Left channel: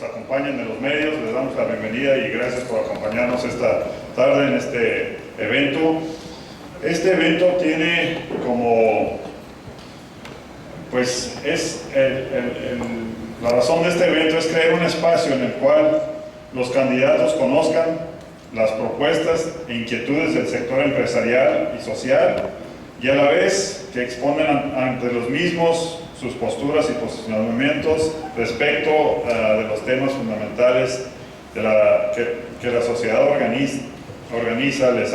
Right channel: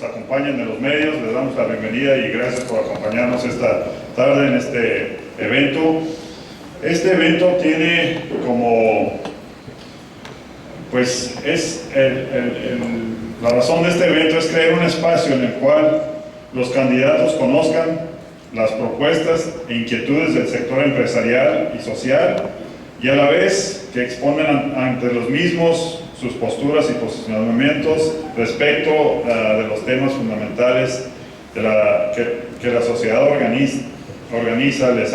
nos acompañan de los medios, les damos la bienvenida y gracias por acompañarnos esta tarde en este evento. Este evento tiene como, pues la razón de este evento es crear un espacio en el cual los candidatos conozcan las propuestas e inquietudes del sector empresarial y social y a la vez que expongan ante los mismos sus posturas y posicionamientos respecto de los temas fundamentales de que la sociedad organiza les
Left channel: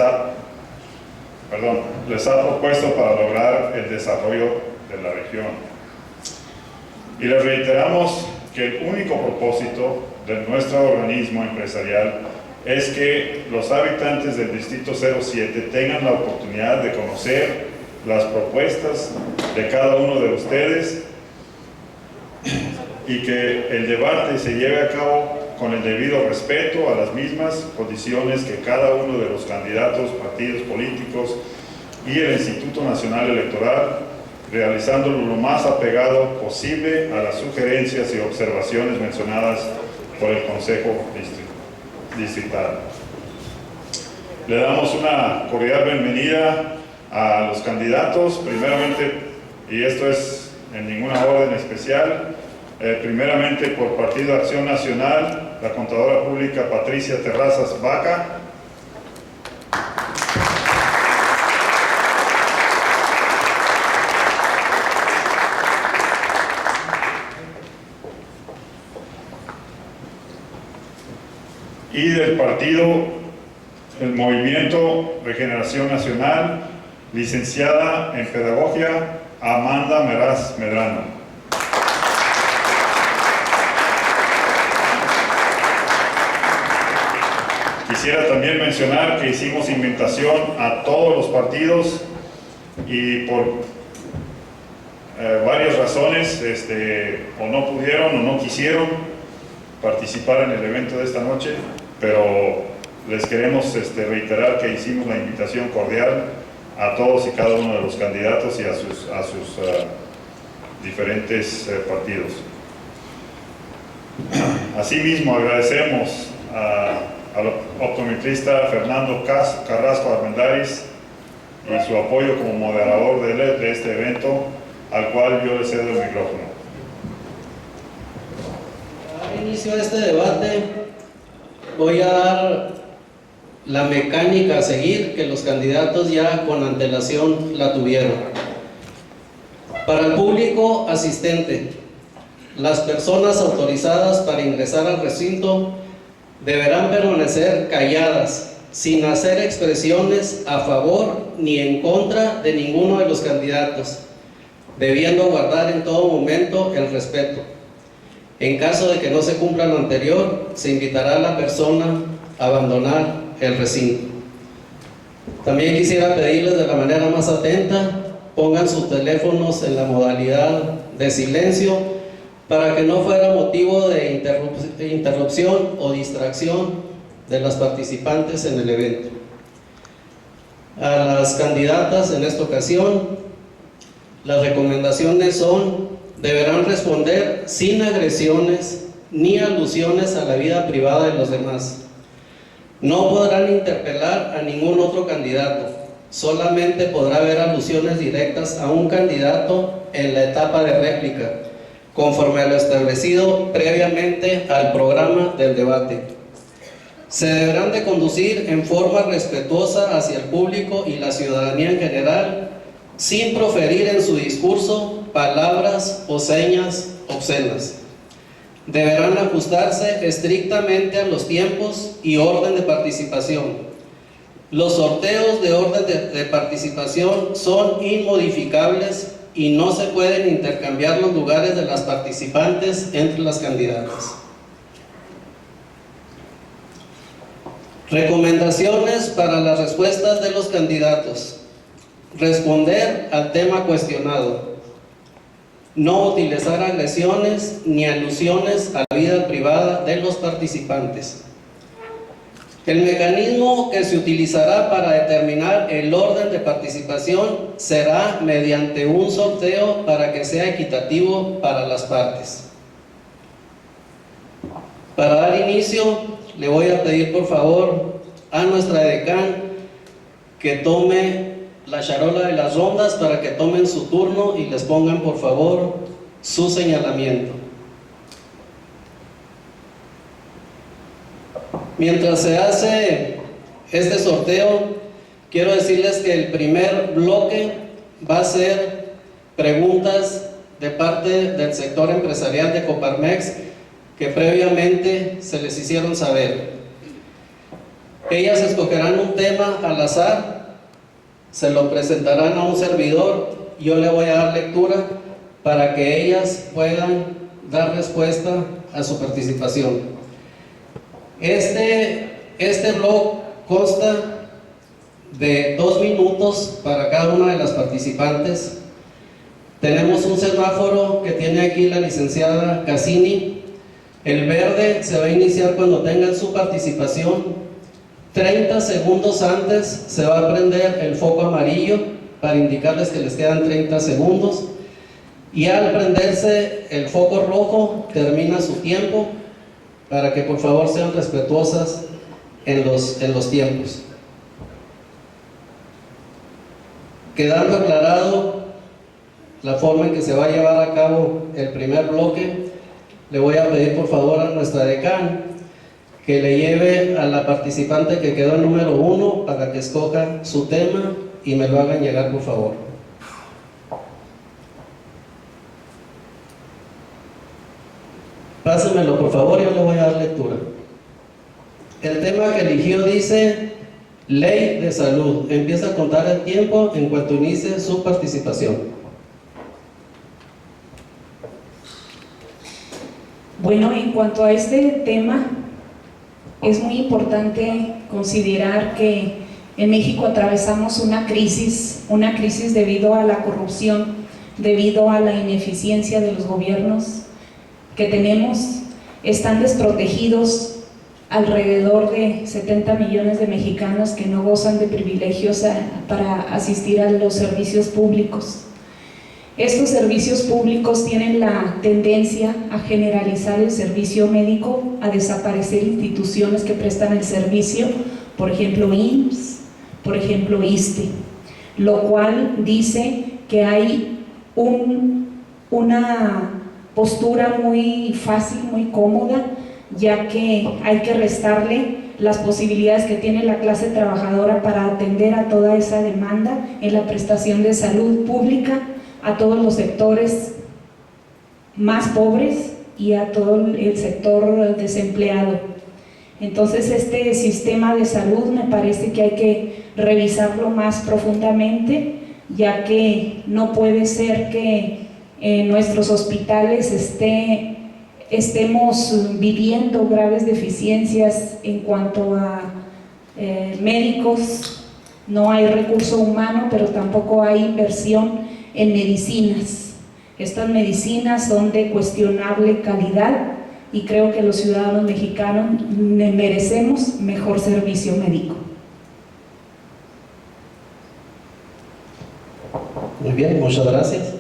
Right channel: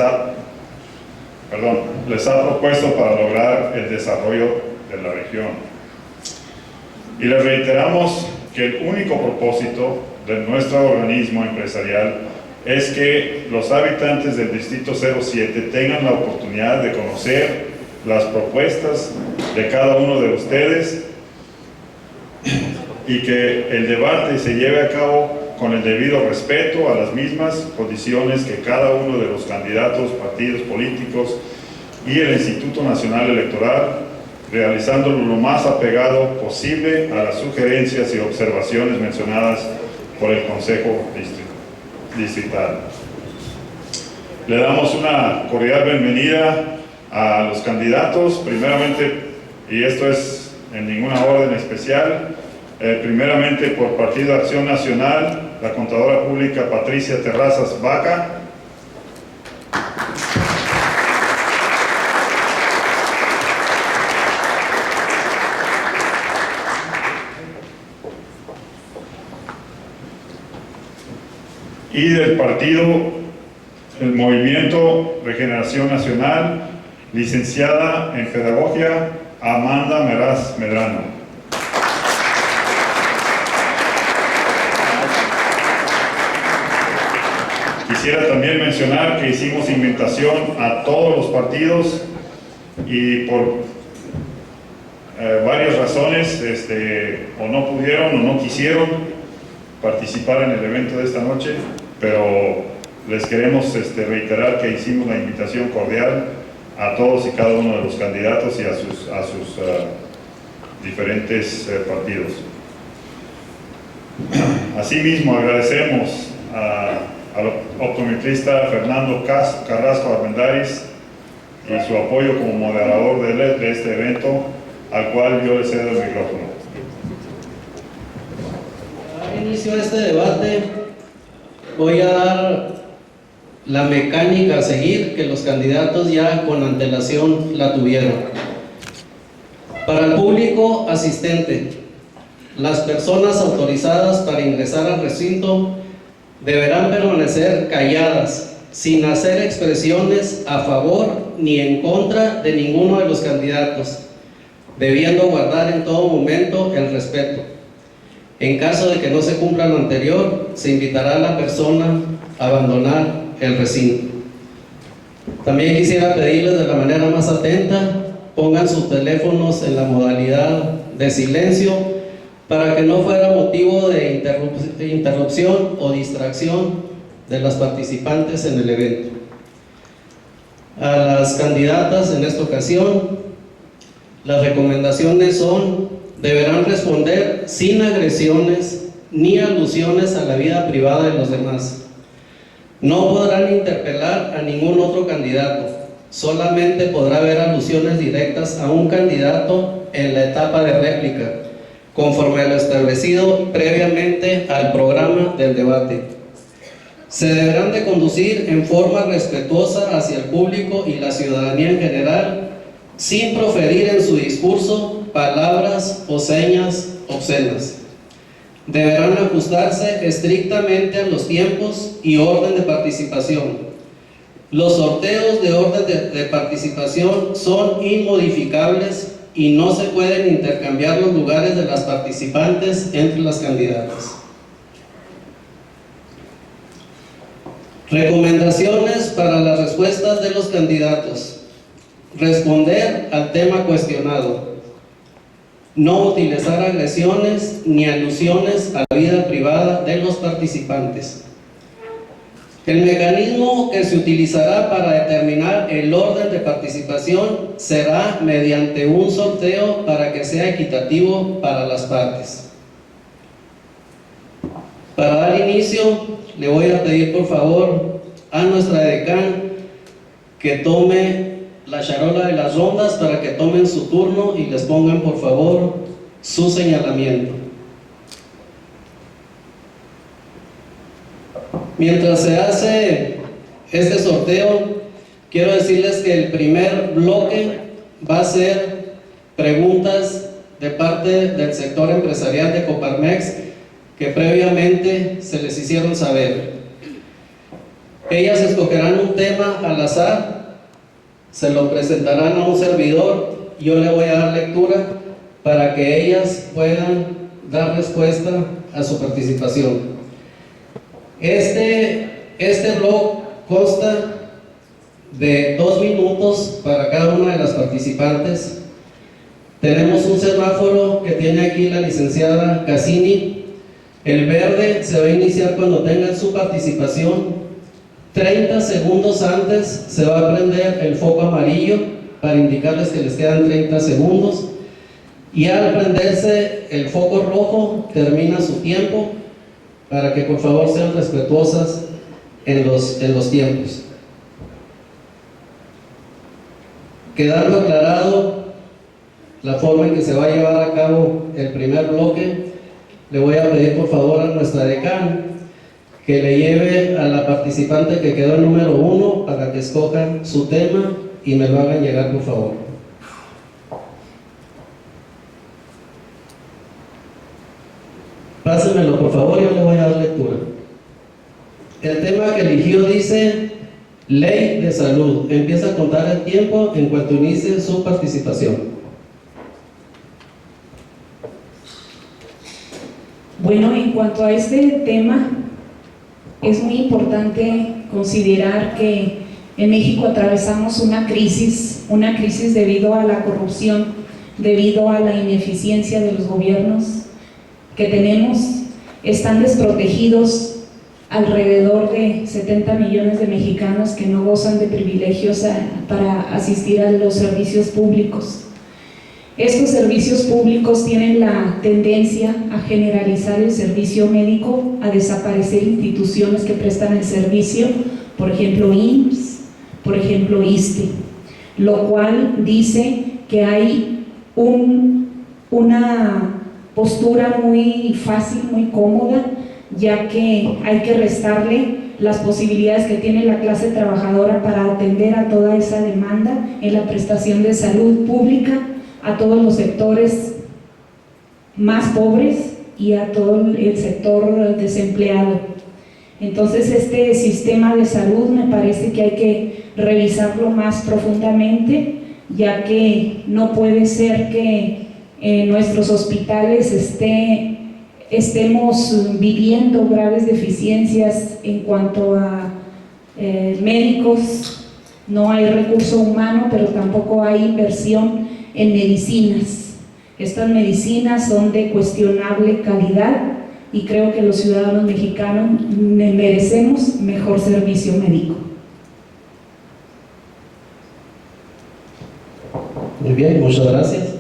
ha propuesto para lograr el desarrollo de la región. Y les reiteramos que el único propósito de nuestro organismo empresarial es que los habitantes del Distrito 07 tengan la oportunidad de conocer las propuestas de cada uno de ustedes y que el debate se lleve a cabo con el debido respeto a las mismas condiciones que cada uno de los candidatos, partidos políticos y el Instituto Nacional Electoral, realizándolo lo más apegado posible a las sugerencias y observaciones mencionadas por el Consejo Distrital. Le damos una cordial bienvenida a los candidatos, primeramente, y esto es en ninguna orden especial, primeramente por Partido Acción Nacional, la contadora pública Patricia Terrazas Vaca. Y del partido, el Movimiento Regeneración Nacional, licenciada en Pedagogía, Amanda Meraz Medrano. Quisiera también mencionar que hicimos invitación a todos los partidos y por varias razones o no pudieron o no quisieron participar en el evento de esta noche, pero les queremos reiterar que hicimos la invitación cordial a todos y cada uno de los candidatos y a sus diferentes partidos. Asimismo, agradecemos al optometrista Fernando Carrasco Armendáriz y su apoyo como moderador de este evento, al cual yo le cedo el micrófono. Al inicio de este debate voy a dar la mecánica a seguir, que los candidatos ya con antelación la tuvieron. Para el público asistente, las personas autorizadas para ingresar al recinto deberán permanecer calladas, sin hacer expresiones a favor ni en contra de ninguno de los candidatos, debiendo guardar en todo momento el respeto. En caso de que no se cumpla lo anterior, se invitará a la persona a abandonar el recinto. También quisiera pedirles de la manera más atenta, pongan sus teléfonos en la modalidad de silencio para que no fuera motivo de interrupción o distracción de las participantes en el evento. A las candidatas en esta ocasión, las recomendaciones son: deberán responder sin agresiones ni alusiones a la vida privada de los demás. No podrán interpelar a ningún otro candidato, solamente podrá haber alusiones directas a un candidato en la etapa de réplica, conforme a lo establecido previamente al programa del debate. Se deberán de conducir en forma respetuosa hacia el público y la ciudadanía en general, sin proferir en su discurso palabras o señas obscenas. Deberán ajustarse estrictamente a los tiempos y orden de participación. Los sorteos de orden de participación son inmodificables y no se pueden intercambiar los lugares de las participantes entre las candidatas. Recomendaciones para las respuestas de los candidatos: responder al tema cuestionado, no utilizar agresiones ni alusiones a la vida privada de los participantes. El mecanismo que se utilizará para determinar el orden de participación será mediante un sorteo para que sea equitativo para las partes. Para dar inicio, le voy a pedir por favor a nuestra decán que tome la charola de las rondas para que tomen su turno y les pongan por favor su señalamiento. Mientras se hace este sorteo, quiero decirles que el primer bloque va a ser preguntas de parte del sector empresarial de Coparmex que previamente se les hicieron saber. Ellas escogerán un tema al azar, se lo presentarán a un servidor, yo le voy a dar lectura para que ellas puedan dar respuesta a su participación. Este blog consta de 2 minutos para cada una de las participantes. Tenemos un semáforo que tiene aquí la licenciada Cassini. El verde se va a iniciar cuando tengan su participación. 30 segundos antes se va a prender el foco amarillo para indicarles que les quedan 30 segundos. Y al prenderse el foco rojo termina su tiempo, para que por favor sean respetuosas en los tiempos. Quedando aclarado la forma en que se va a llevar a cabo el primer bloque, le voy a pedir por favor a nuestra decán que le lleve a la participante que quedó en número 1 para que escoja su tema y me lo hagan llegar por favor. Pásenmelo por favor, yo le voy a dar lectura. El tema que eligió dice Ley de Salud. Empieza a contar el tiempo en cuanto inicie su participación. Bueno, en cuanto a este tema, es muy importante considerar que en México atravesamos una crisis debido a la corrupción, debido a la ineficiencia de los gobiernos que tenemos. Están desprotegidos alrededor de 70 millones de mexicanos que no gozan de privilegios para asistir a los servicios públicos. Estos servicios públicos tienen la tendencia a generalizar el servicio médico, a desaparecer instituciones que prestan el servicio, por ejemplo IMSS, por ejemplo ISSSTE, lo cual dice que hay una postura muy fácil, muy cómoda, ya que hay que restarle las posibilidades que tiene la clase trabajadora para atender a toda esa demanda en la prestación de salud pública, a todos los sectores más pobres y a todo el sector desempleado. Entonces este sistema de salud me parece que hay que revisarlo más profundamente, ya que no puede ser que en nuestros hospitales estemos viviendo graves deficiencias en cuanto a médicos. No hay recurso humano, pero tampoco hay inversión en medicinas. Estas medicinas son de cuestionable calidad y creo que los ciudadanos mexicanos merecemos mejor servicio médico. Muy bien, muchas gracias.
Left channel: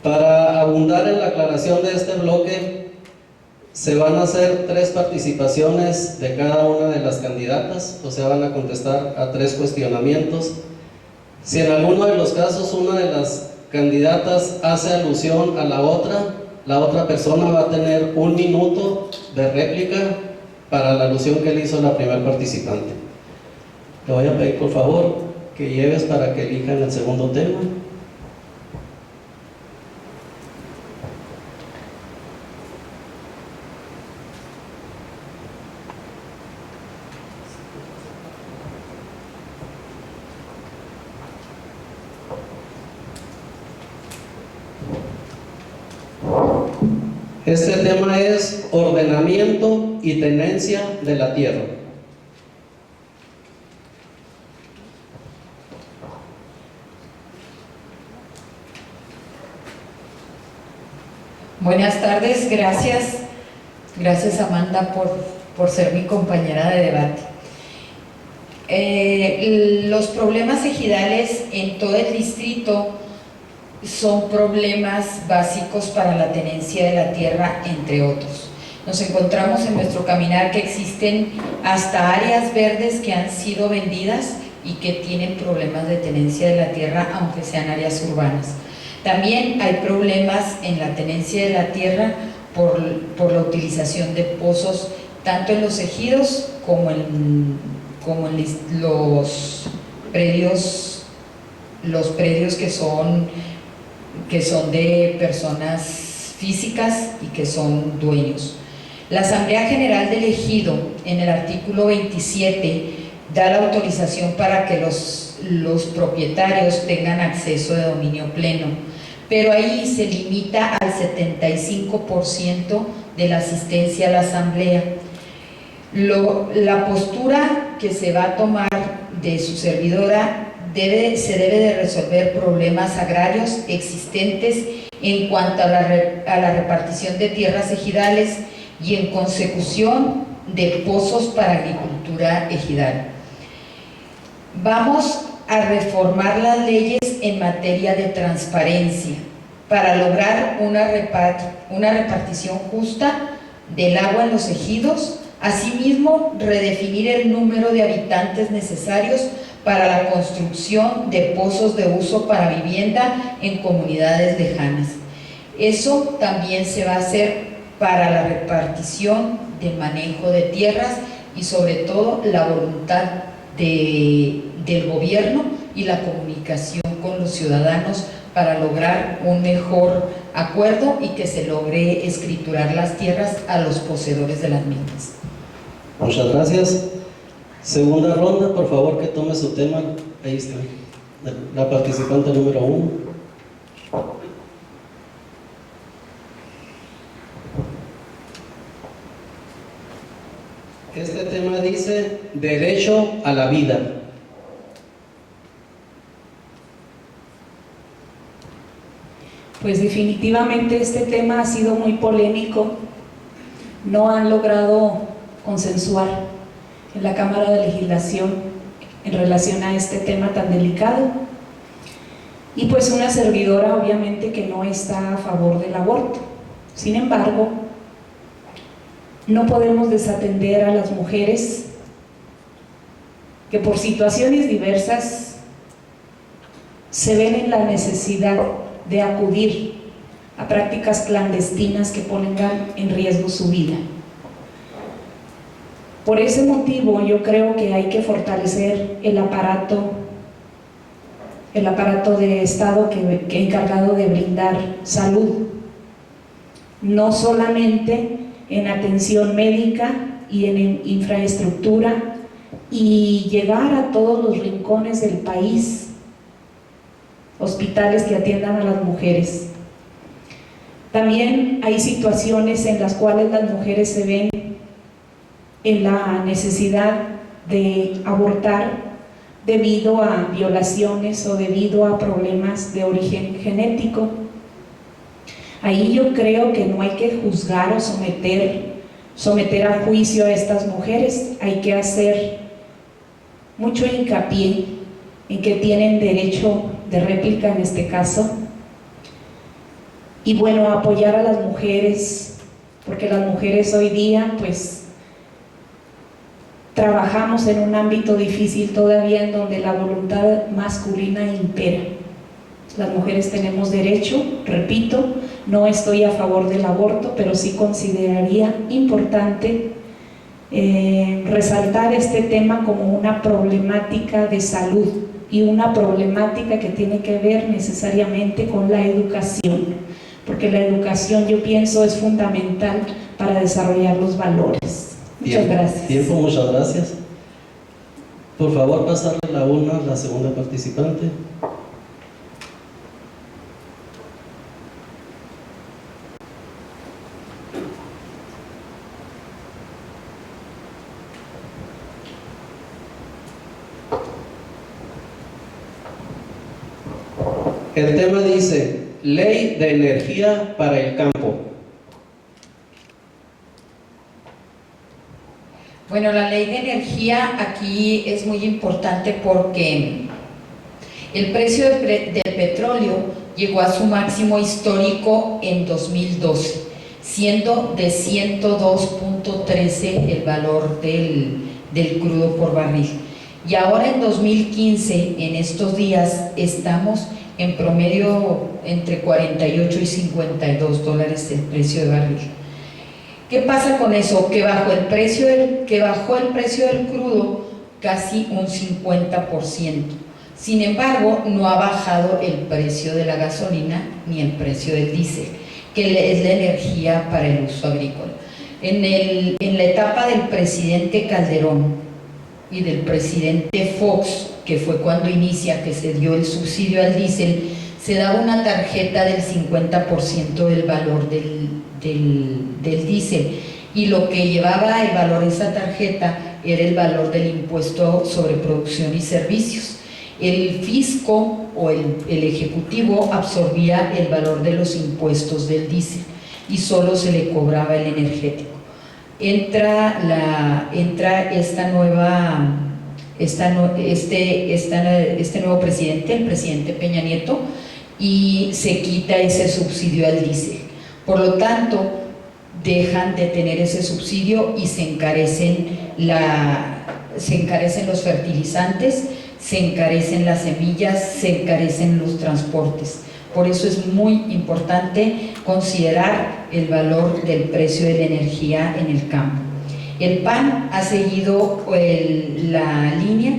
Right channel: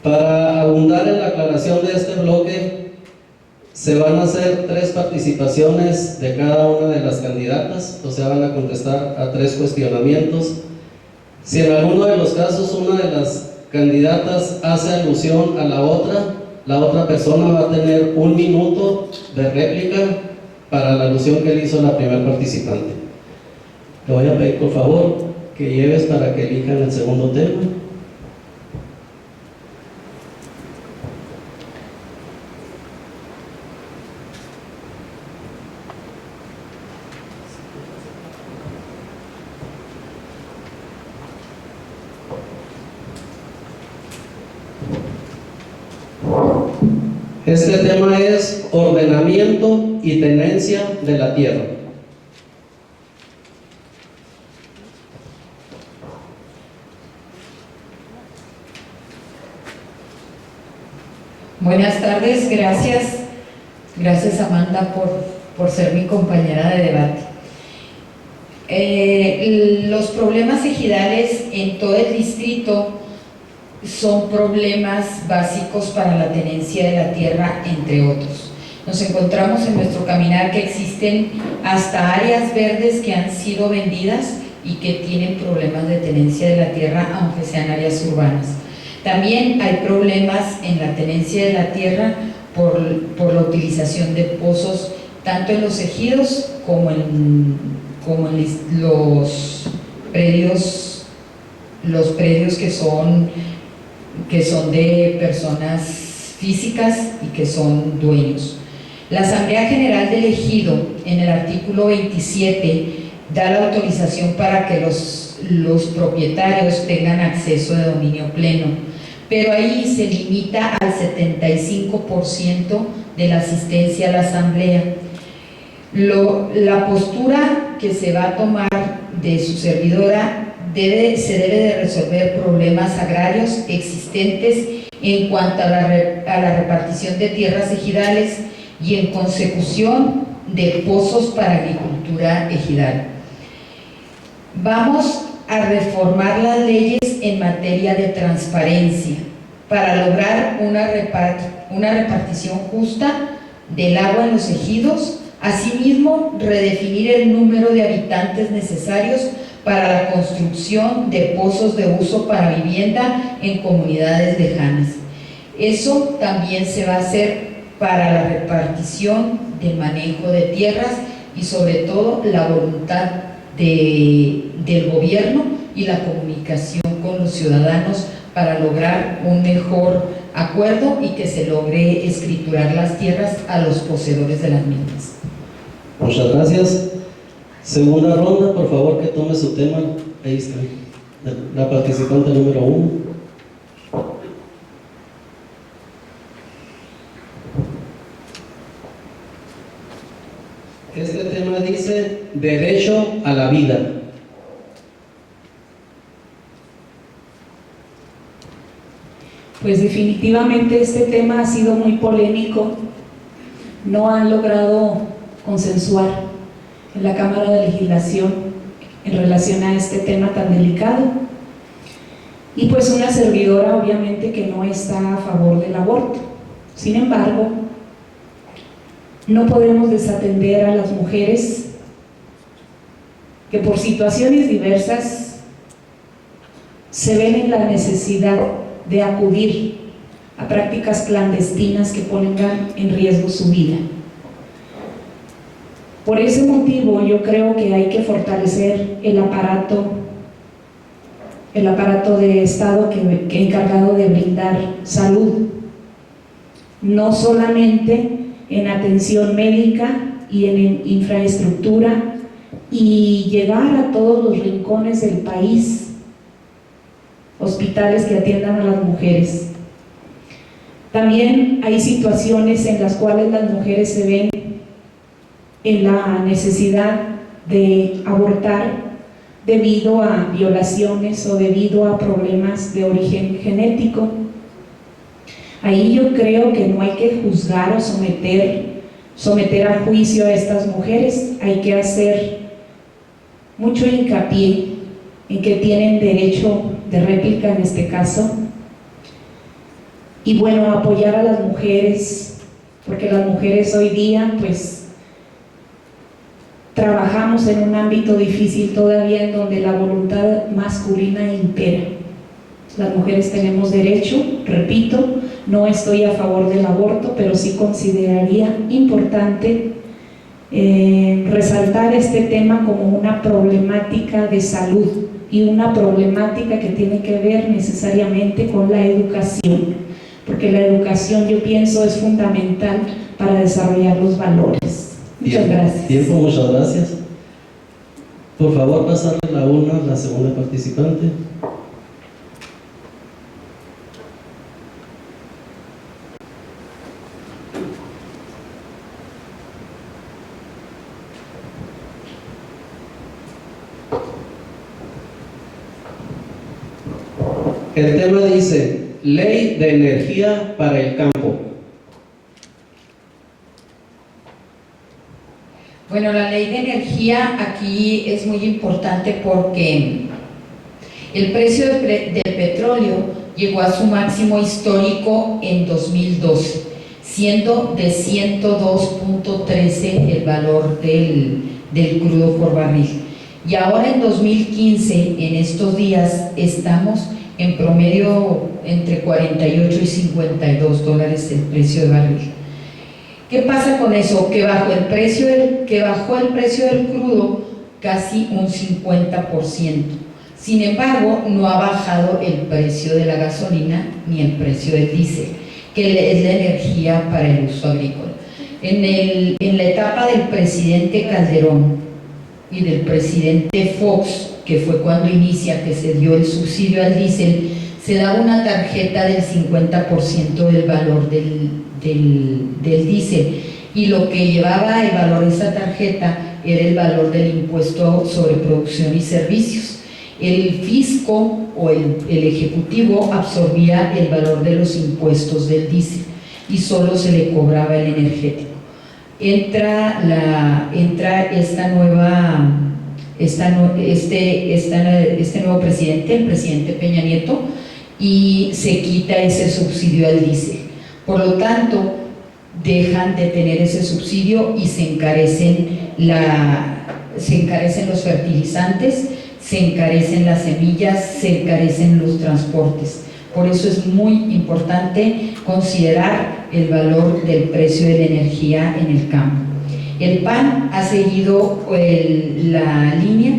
Para abundar en la aclaración de este bloque, se van a hacer 3 participaciones de cada una de las candidatas, o sea, van a contestar a 3 cuestionamientos. Si en alguno de los casos una de las candidatas hace alusión a la otra persona va a tener 1 minuto de réplica para la alusión que le hizo la primera participante. Le voy a pedir por favor que lleves para que elijan el segundo tema. Este tema es ordenamiento y tenencia de la tierra. Buenas tardes, gracias Amanda por ser mi compañera de debate. Los problemas ejidales en todo el distrito son problemas básicos para la tenencia de la tierra, entre otros. Nos encontramos en nuestro caminar que existen hasta áreas verdes que han sido vendidas y que tienen problemas de tenencia de la tierra, aunque sean áreas urbanas. También hay problemas en la tenencia de la tierra por la utilización de pozos, tanto en los ejidos como en los predios que son de personas físicas y que son dueños. La Asamblea General del Ejido, en el artículo 27, da la autorización para que los propietarios tengan acceso de dominio pleno, pero ahí se limita al 75% de la asistencia a la Asamblea. La postura que se va a tomar de su servidora se debe de resolver problemas agrarios existentes en cuanto a la repartición de tierras ejidales y en consecución de pozos para agricultura ejidal. Vamos a reformar las leyes en materia de transparencia para lograr una repartición justa del agua en los ejidos. Asimismo, redefinir el número de habitantes necesarios para la construcción de pozos de uso para vivienda en comunidades lejanas. Eso también se va a hacer para la repartición de manejo de tierras y sobre todo la voluntad del gobierno y la comunicación con los ciudadanos para lograr un mejor acuerdo y que se logre escriturar las tierras a los poseedores de las mismas. Muchas gracias. Segunda ronda, por favor que tome su tema. Ahí está, la participante número 1. Este tema dice derecho a la vida. Pues definitivamente este tema ha sido muy polémico. No han logrado consensuar en la Cámara de Legislación en relación a este tema tan delicado. Y pues una servidora obviamente que no está a favor del aborto. Sin embargo, no podemos desatender a las mujeres que por situaciones diversas se ven en la necesidad de acudir a prácticas clandestinas que pongan en riesgo su vida. Por ese motivo yo creo que hay que fortalecer el aparato de Estado que encargado de brindar salud, no solamente en atención médica y en infraestructura, y llegar a todos los rincones del país, hospitales que atiendan a las mujeres. También hay situaciones en las cuales las mujeres se ven en la necesidad de abortar debido a violaciones o debido a problemas de origen genético. Ahí yo creo que no hay que juzgar o someter a juicio a estas mujeres. Hay que hacer mucho hincapié en que tienen derecho de réplica en este caso. Y bueno, apoyar a las mujeres, porque las mujeres hoy día pues trabajamos en un ámbito difícil todavía en donde la voluntad masculina impera. Las mujeres tenemos derecho, repito, no estoy a favor del aborto, pero sí consideraría importante resaltar este tema como una problemática de salud y una problemática que tiene que ver necesariamente con la educación, porque la educación, yo pienso, es fundamental para desarrollar los valores. Muchas gracias. Tiempo, muchas gracias. Por favor, pasarle la urna a la segunda participante. El tema dice, Ley de Energía para el Campo. Bueno, la ley de energía aquí es muy importante porque el precio del petróleo llegó a su máximo histórico en 2012. siendo de 102.13 el valor del crudo por barril. Y ahora en 2015, en estos días, estamos en promedio entre 48 y 52 dólares el precio de barril. ¿Qué pasa con eso? Que bajó el precio del crudo casi un 50%. Sin embargo, no ha bajado el precio de la gasolina ni el precio del diésel, que es la energía para el uso agrícola. En la etapa del presidente Calderón y del presidente Fox, que fue cuando inicia, que se dio el subsidio al diésel, se daba una tarjeta del 50% del valor del diésel, y lo que llevaba el valor de esa tarjeta era el valor del impuesto sobre producción y servicios. El fisco o el ejecutivo absorbía el valor de los impuestos del diésel y solo se le cobraba el energético. Entra este nuevo presidente, el presidente Peña Nieto, y se quita ese subsidio al diésel. Por lo tanto, dejan de tener ese subsidio y se encarecen los fertilizantes, se encarecen las semillas, se encarecen los transportes. Por eso es muy importante considerar el valor del precio de la energía en el campo. El PAN ha seguido la línea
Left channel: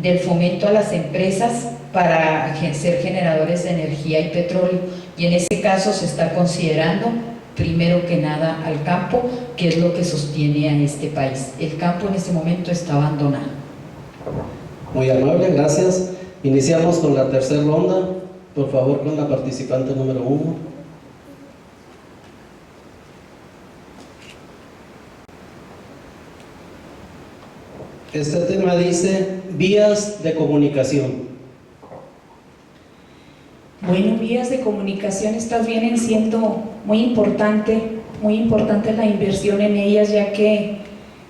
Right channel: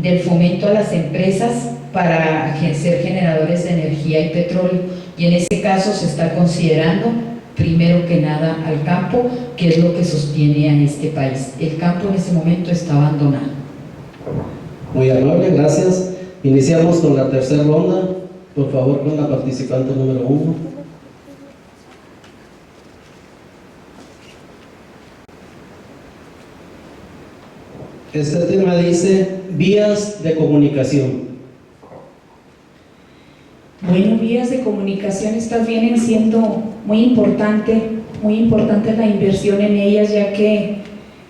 del fomento a las empresas para ser generadores de energía y petróleo, y en ese caso se está considerando primero que nada al campo, que es lo que sostiene a este país. El campo en este momento está abandonado. Muy amable, gracias. Iniciamos con la tercera ronda. Por favor, con la participante número 1. Este tema dice vías de comunicación. Bueno, vías de comunicación, estas vienen siendo muy importante la inversión en ellas, ya que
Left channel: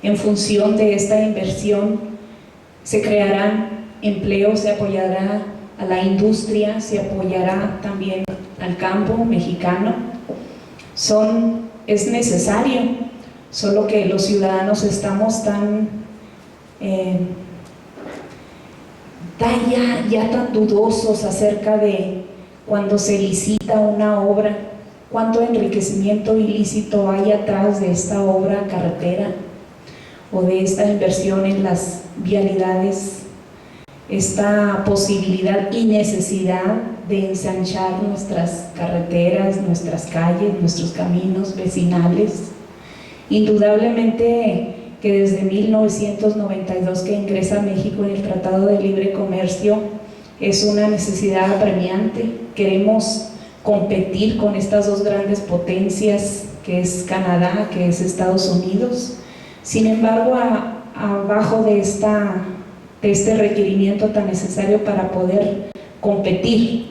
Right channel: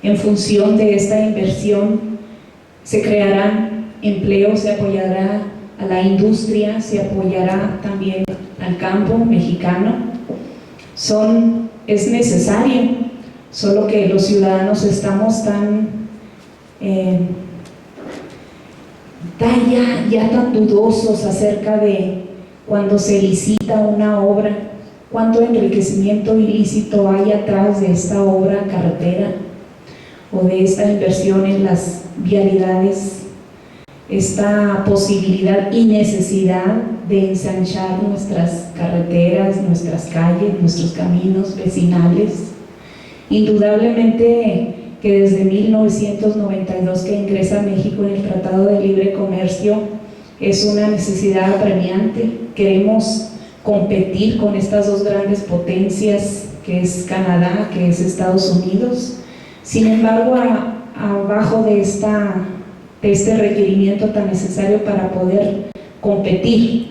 en función de esta inversión se crearán empleos, se apoyará a la industria, se apoyará también al campo mexicano. Es necesario, solo que los ciudadanos estamos tan dudosos acerca de cuando se licita una obra, cuánto enriquecimiento ilícito hay atrás de esta obra carretera o de esta inversión en las vialidades, esta posibilidad y necesidad de ensanchar nuestras carreteras, nuestras calles, nuestros caminos vecinales. Indudablemente que desde 1992 que ingresa México en el Tratado de Libre Comercio es una necesidad apremiante. Queremos competir con estas dos grandes potencias, que es Canadá, que es Estados Unidos. Sin embargo, abajo de este requerimiento tan necesario para poder competir,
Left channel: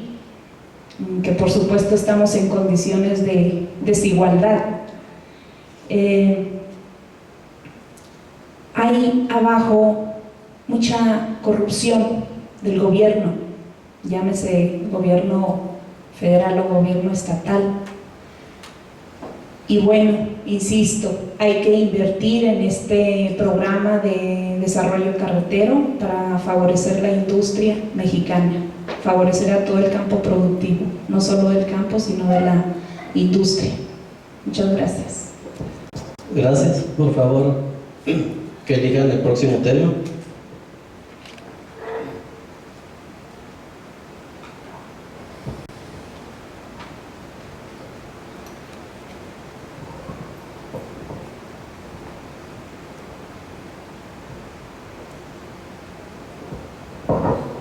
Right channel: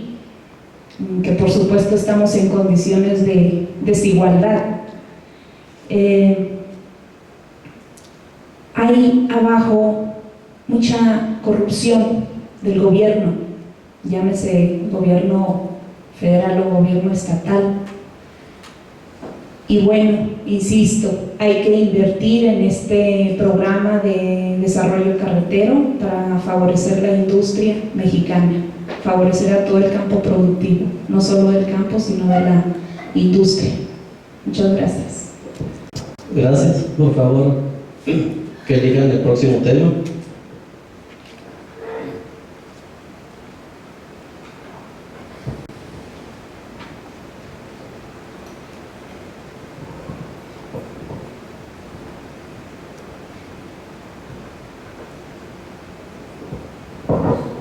que por supuesto estamos en condiciones de desigualdad, hay abajo mucha corrupción del gobierno, llámese gobierno federal o gobierno estatal. Y bueno, insisto, hay que invertir en este programa de desarrollo carretero para favorecer la industria mexicana, favorecer a todo el campo productivo, no solo del campo, sino de la industria. Muchas gracias. Gracias. Por favor, que elijan el próximo tema.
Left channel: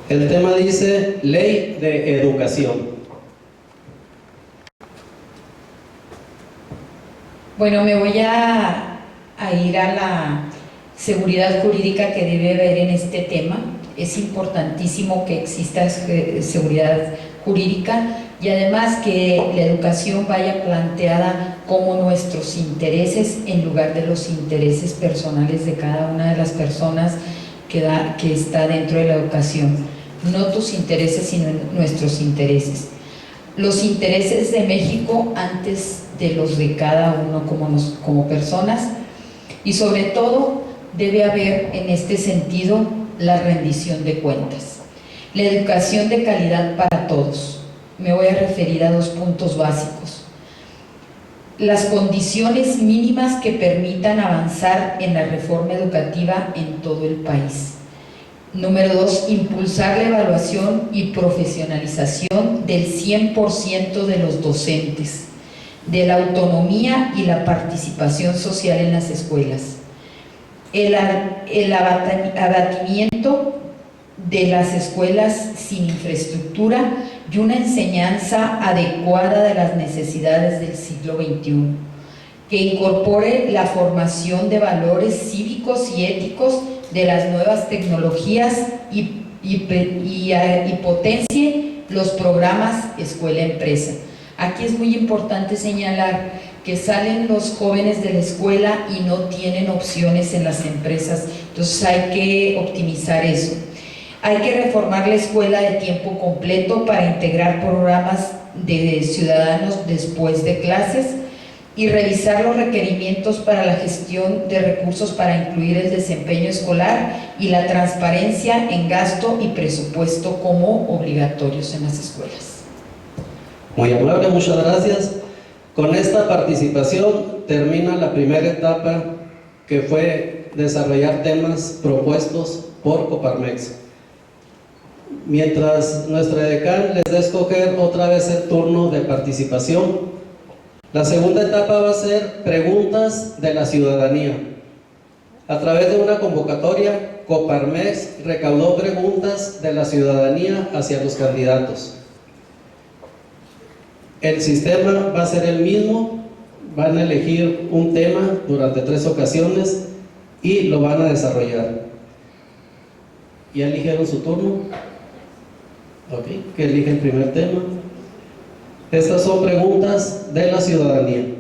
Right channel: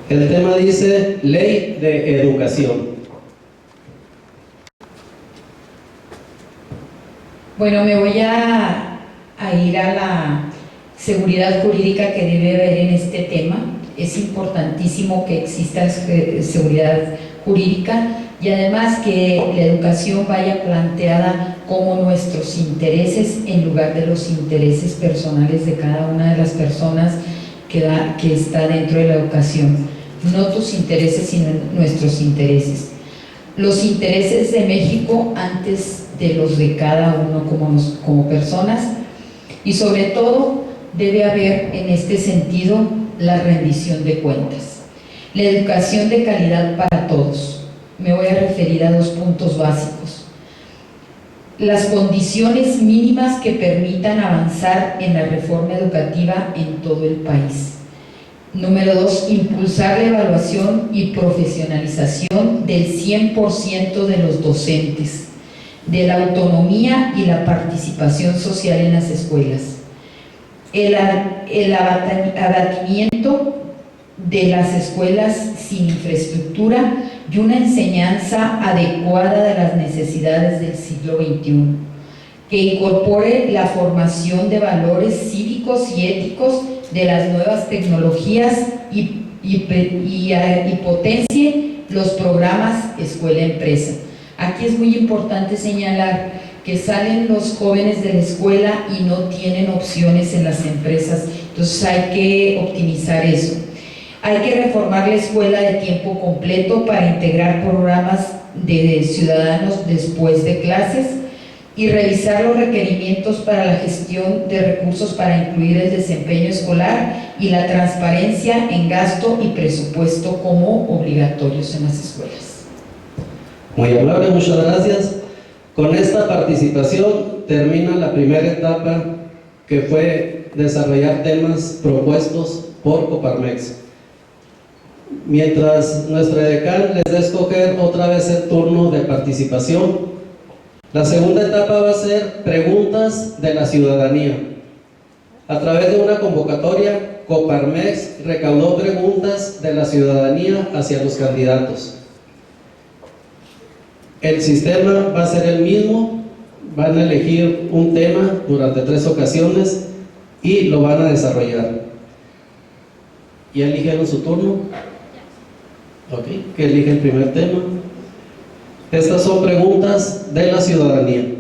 El tema dice Ley de Educación. Bueno, me voy a ir a la seguridad jurídica que debe haber en este tema. Es importantísimo que exista seguridad jurídica y además que la educación vaya planteada como nuestros intereses en lugar de los intereses personales de cada una de las personas que está dentro de la educación. No tus intereses, sino nuestros intereses. Los intereses de México antes de los de cada uno como personas, y sobre todo debe haber en este sentido la rendición de cuentas. La educación de calidad para todos. Me voy a referir a 2 puntos básicos. Las condiciones mínimas que permitan avanzar en la reforma educativa en todo el país. Número 2, impulsar la evaluación y profesionalización del 100% de los docentes, de la autonomía y la participación social en las escuelas. El abatimiento de las escuelas sin infraestructura y una enseñanza adecuada de las necesidades del siglo XXI, que incorpore la formación de valores cívicos y éticos de las nuevas tecnologías y potencie los programas escuela-empresa. Aquí es muy importante señalar que salen los jóvenes de la escuela y no tienen opciones en las empresas, entonces hay que optimizar eso. Hay que reformar la escuela de tiempo completo para integrar programas de ciudadanos después de clases y revisar los requerimientos para la gestión de recursos para incluir el desempeño escolar y la transparencia en gasto y presupuesto como obligatorios en las escuelas. Muy amable, muchas gracias. Con esta participación termina la primera etapa, que fue desarrollar temas propuestos por Coparmex. Mientras nuestra decana les da a escoger otra vez el turno de participación, la segunda etapa va a ser preguntas de la ciudadanía. A través de una convocatoria, Coparmex recaudó preguntas de la ciudadanía hacia los candidatos. El sistema va a ser el mismo, van a elegir un tema durante 3 ocasiones y lo van a desarrollar. ¿Ya eligieron su turno? Ok, que elige el primer tema. Estas son preguntas de la ciudadanía.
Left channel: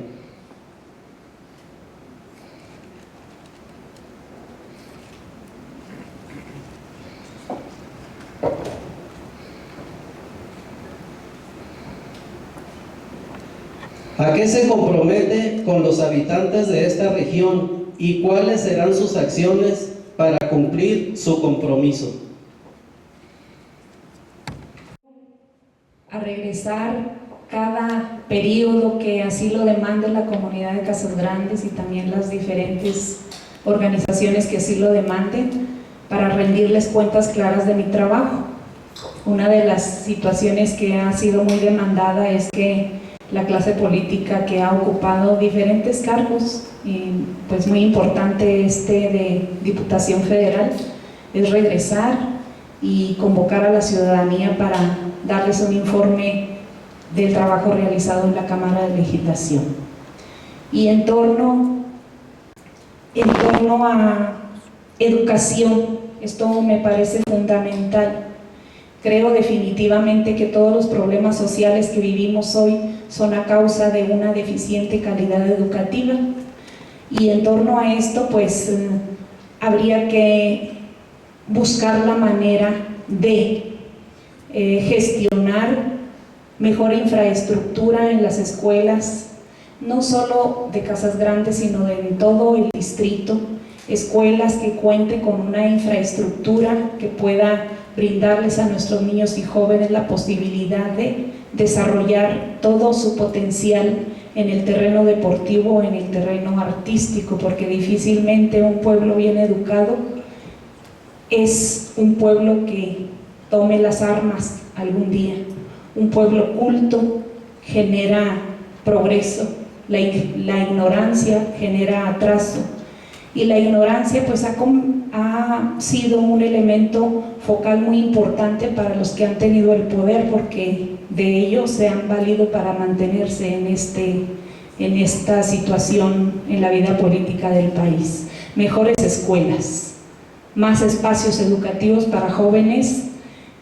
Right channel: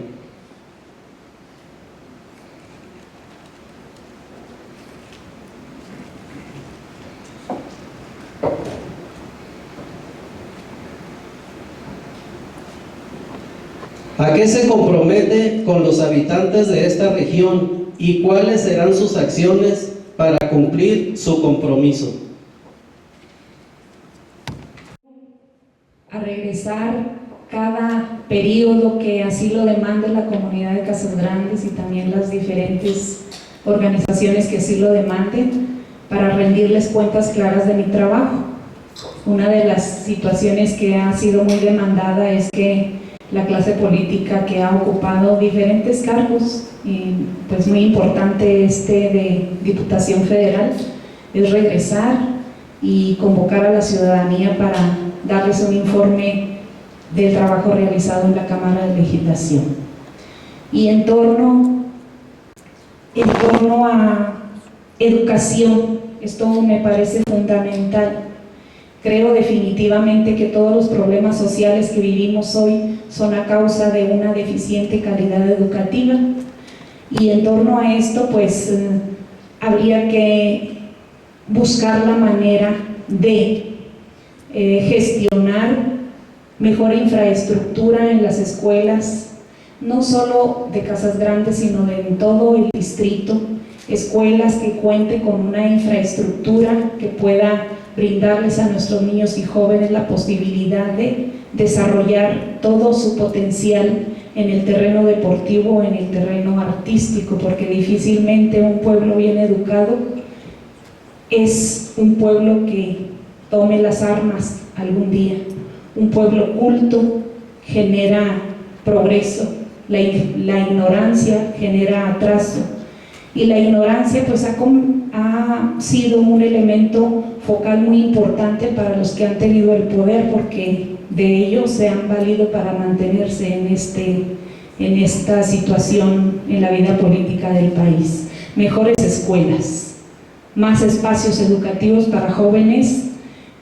¿A qué se compromete con los habitantes de esta región y cuáles serán sus acciones para cumplir su compromiso? A regresar cada periodo que así lo demande la comunidad de Casas Grandes y también las diferentes organizaciones que así lo demanden, para rendirles cuentas claras de mi trabajo. Una de las situaciones que ha sido muy demandada es que la clase política que ha ocupado diferentes cargos, y pues muy importante de Diputación Federal, es regresar y convocar a la ciudadanía para darles un informe del trabajo realizado en la Cámara de Legislación. Y en torno a educación, esto me parece fundamental. Creo definitivamente que todos los problemas sociales que vivimos hoy son a causa de una deficiente calidad educativa, y en torno a esto pues habría que buscar la manera de gestionar mejor infraestructura en las escuelas, no solo de Casas Grandes, sino de en todo el distrito, escuelas que cuenten con una infraestructura que pueda brindarles a nuestros niños y jóvenes la posibilidad de desarrollar todo su potencial en el terreno deportivo, en el terreno artístico, porque difícilmente un pueblo bien educado es un pueblo que tome las armas algún día. Un pueblo culto genera progreso, la ignorancia genera atraso, y la ignorancia pues ha sido un elemento focal muy importante para los que han tenido el poder, porque de ellos se han valido para mantenerse en esta situación en la vida política del país. Mejores escuelas, más espacios educativos para jóvenes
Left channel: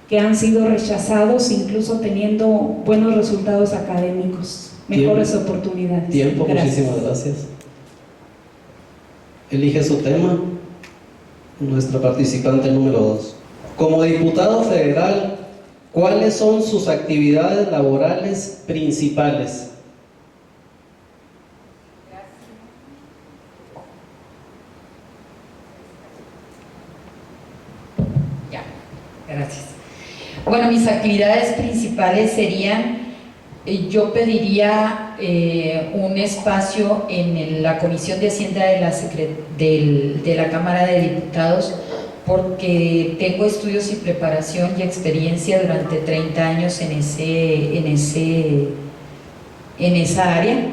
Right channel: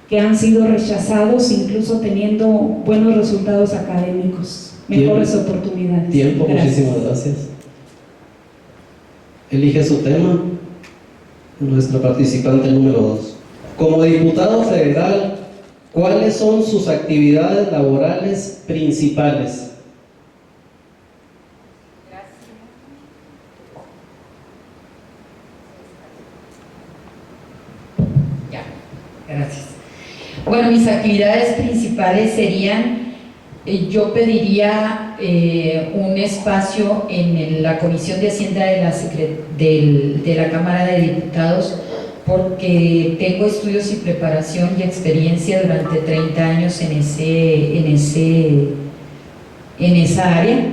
que han sido rechazados incluso teniendo buenos resultados académicos, mejores oportunidades. Tiempo, gracias. muchísimas gracias. Elige su tema, nuestra participante número 2. Como diputado federal, ¿cuáles son sus actividades laborales principales? Gracias. Bueno, mis actividades principales serían, yo pediría un espacio en la Comisión de Hacienda de la Cámara de Diputados, porque tengo estudios y preparación y experiencia durante 30 años en esa área,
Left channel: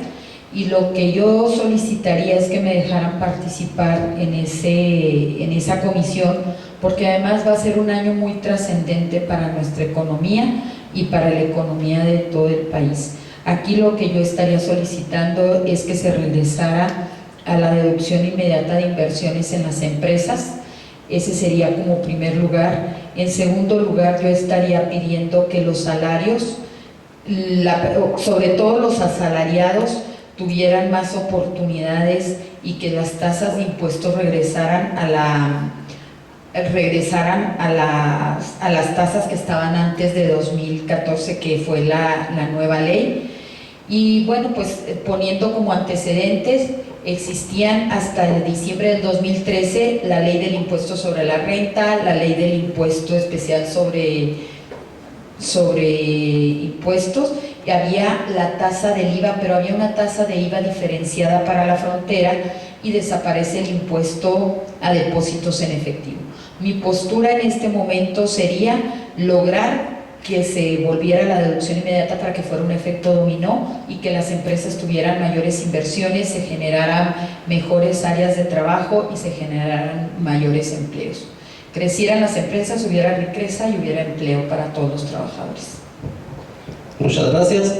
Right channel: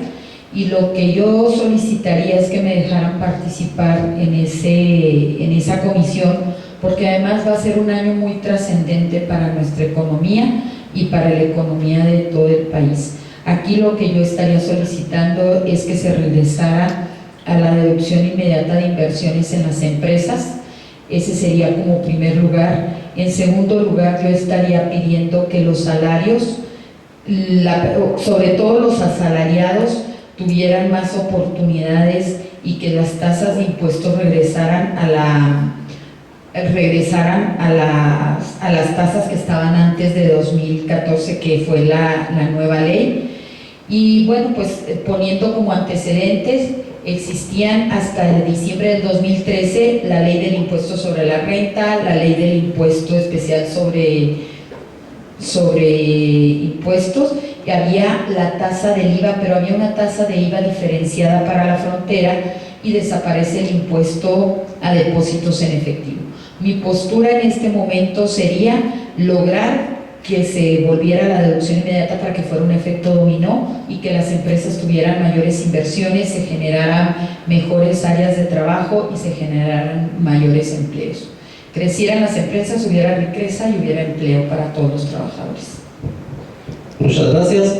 y lo que yo solicitaría es que me dejaran participar en esa comisión, porque además va a ser un año muy trascendente para nuestra economía y para la economía de todo el país. Aquí lo que yo estaría solicitando es que se regresara a la deducción inmediata de inversiones en las empresas. Ese sería como primer lugar. En segundo lugar, yo estaría pidiendo que los salarios, sobre todo los asalariados, tuvieran más oportunidades y que las tasas de impuestos regresaran a las tasas que estaban antes de 2014, que fue la nueva ley. Y bueno, pues poniendo como antecedentes, existían hasta el diciembre del 2013 la ley del impuesto sobre la renta, la ley del impuesto especial sobre impuestos, y había la tasa del IVA, pero había una tasa de IVA diferenciada para la frontera, y desaparece el impuesto a depósitos en efectivo. Mi postura en este momento sería lograr que se volviera la deducción inmediata para que fuera un efecto dominó y que las empresas tuvieran mayores inversiones, se generaran mejores áreas de trabajo y se generaran mayores empleos. Crecieran las empresas, hubiera riqueza y hubiera empleo para todos los trabajadores. Muchas gracias.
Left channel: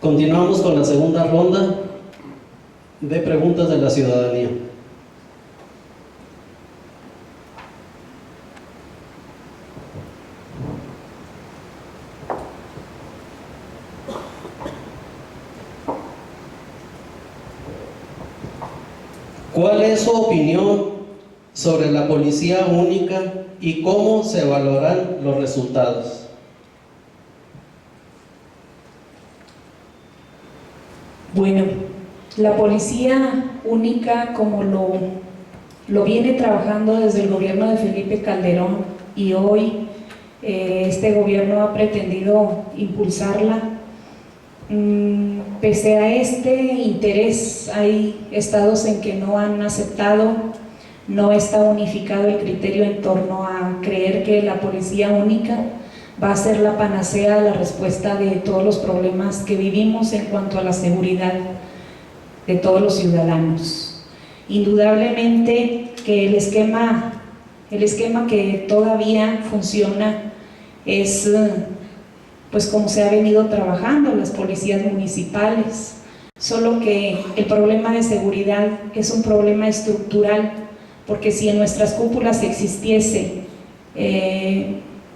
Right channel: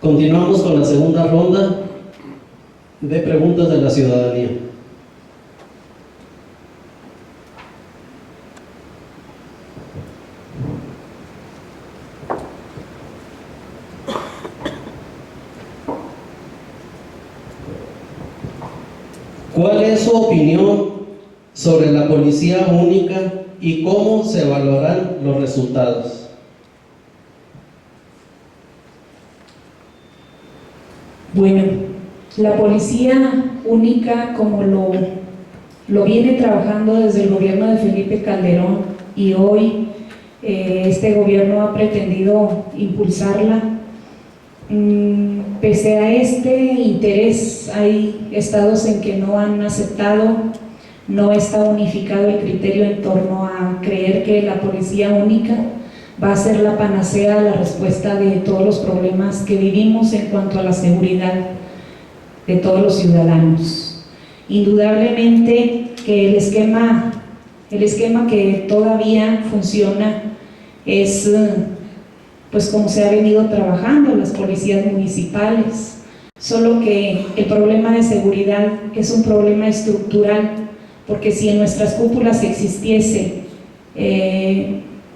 Continuamos con la segunda ronda de preguntas de la ciudadanía. ¿Cuál es su opinión sobre la policía única y cómo se evaluarán los resultados? Bueno, la policía única, como lo viene trabajando desde el gobierno de Felipe Calderón, y hoy este gobierno ha pretendido impulsarla. Pese a este interés, hay estados en que no han aceptado, no está unificado el criterio en torno a creer que la policía única va a ser la panacea, la respuesta de todos los problemas que vivimos en cuanto a la seguridad de todos los ciudadanos. Indudablemente que el esquema que todavía funciona es pues como se ha venido trabajando las policías municipales, solo que el problema de seguridad es un problema estructural, porque si en nuestras cúpulas existiese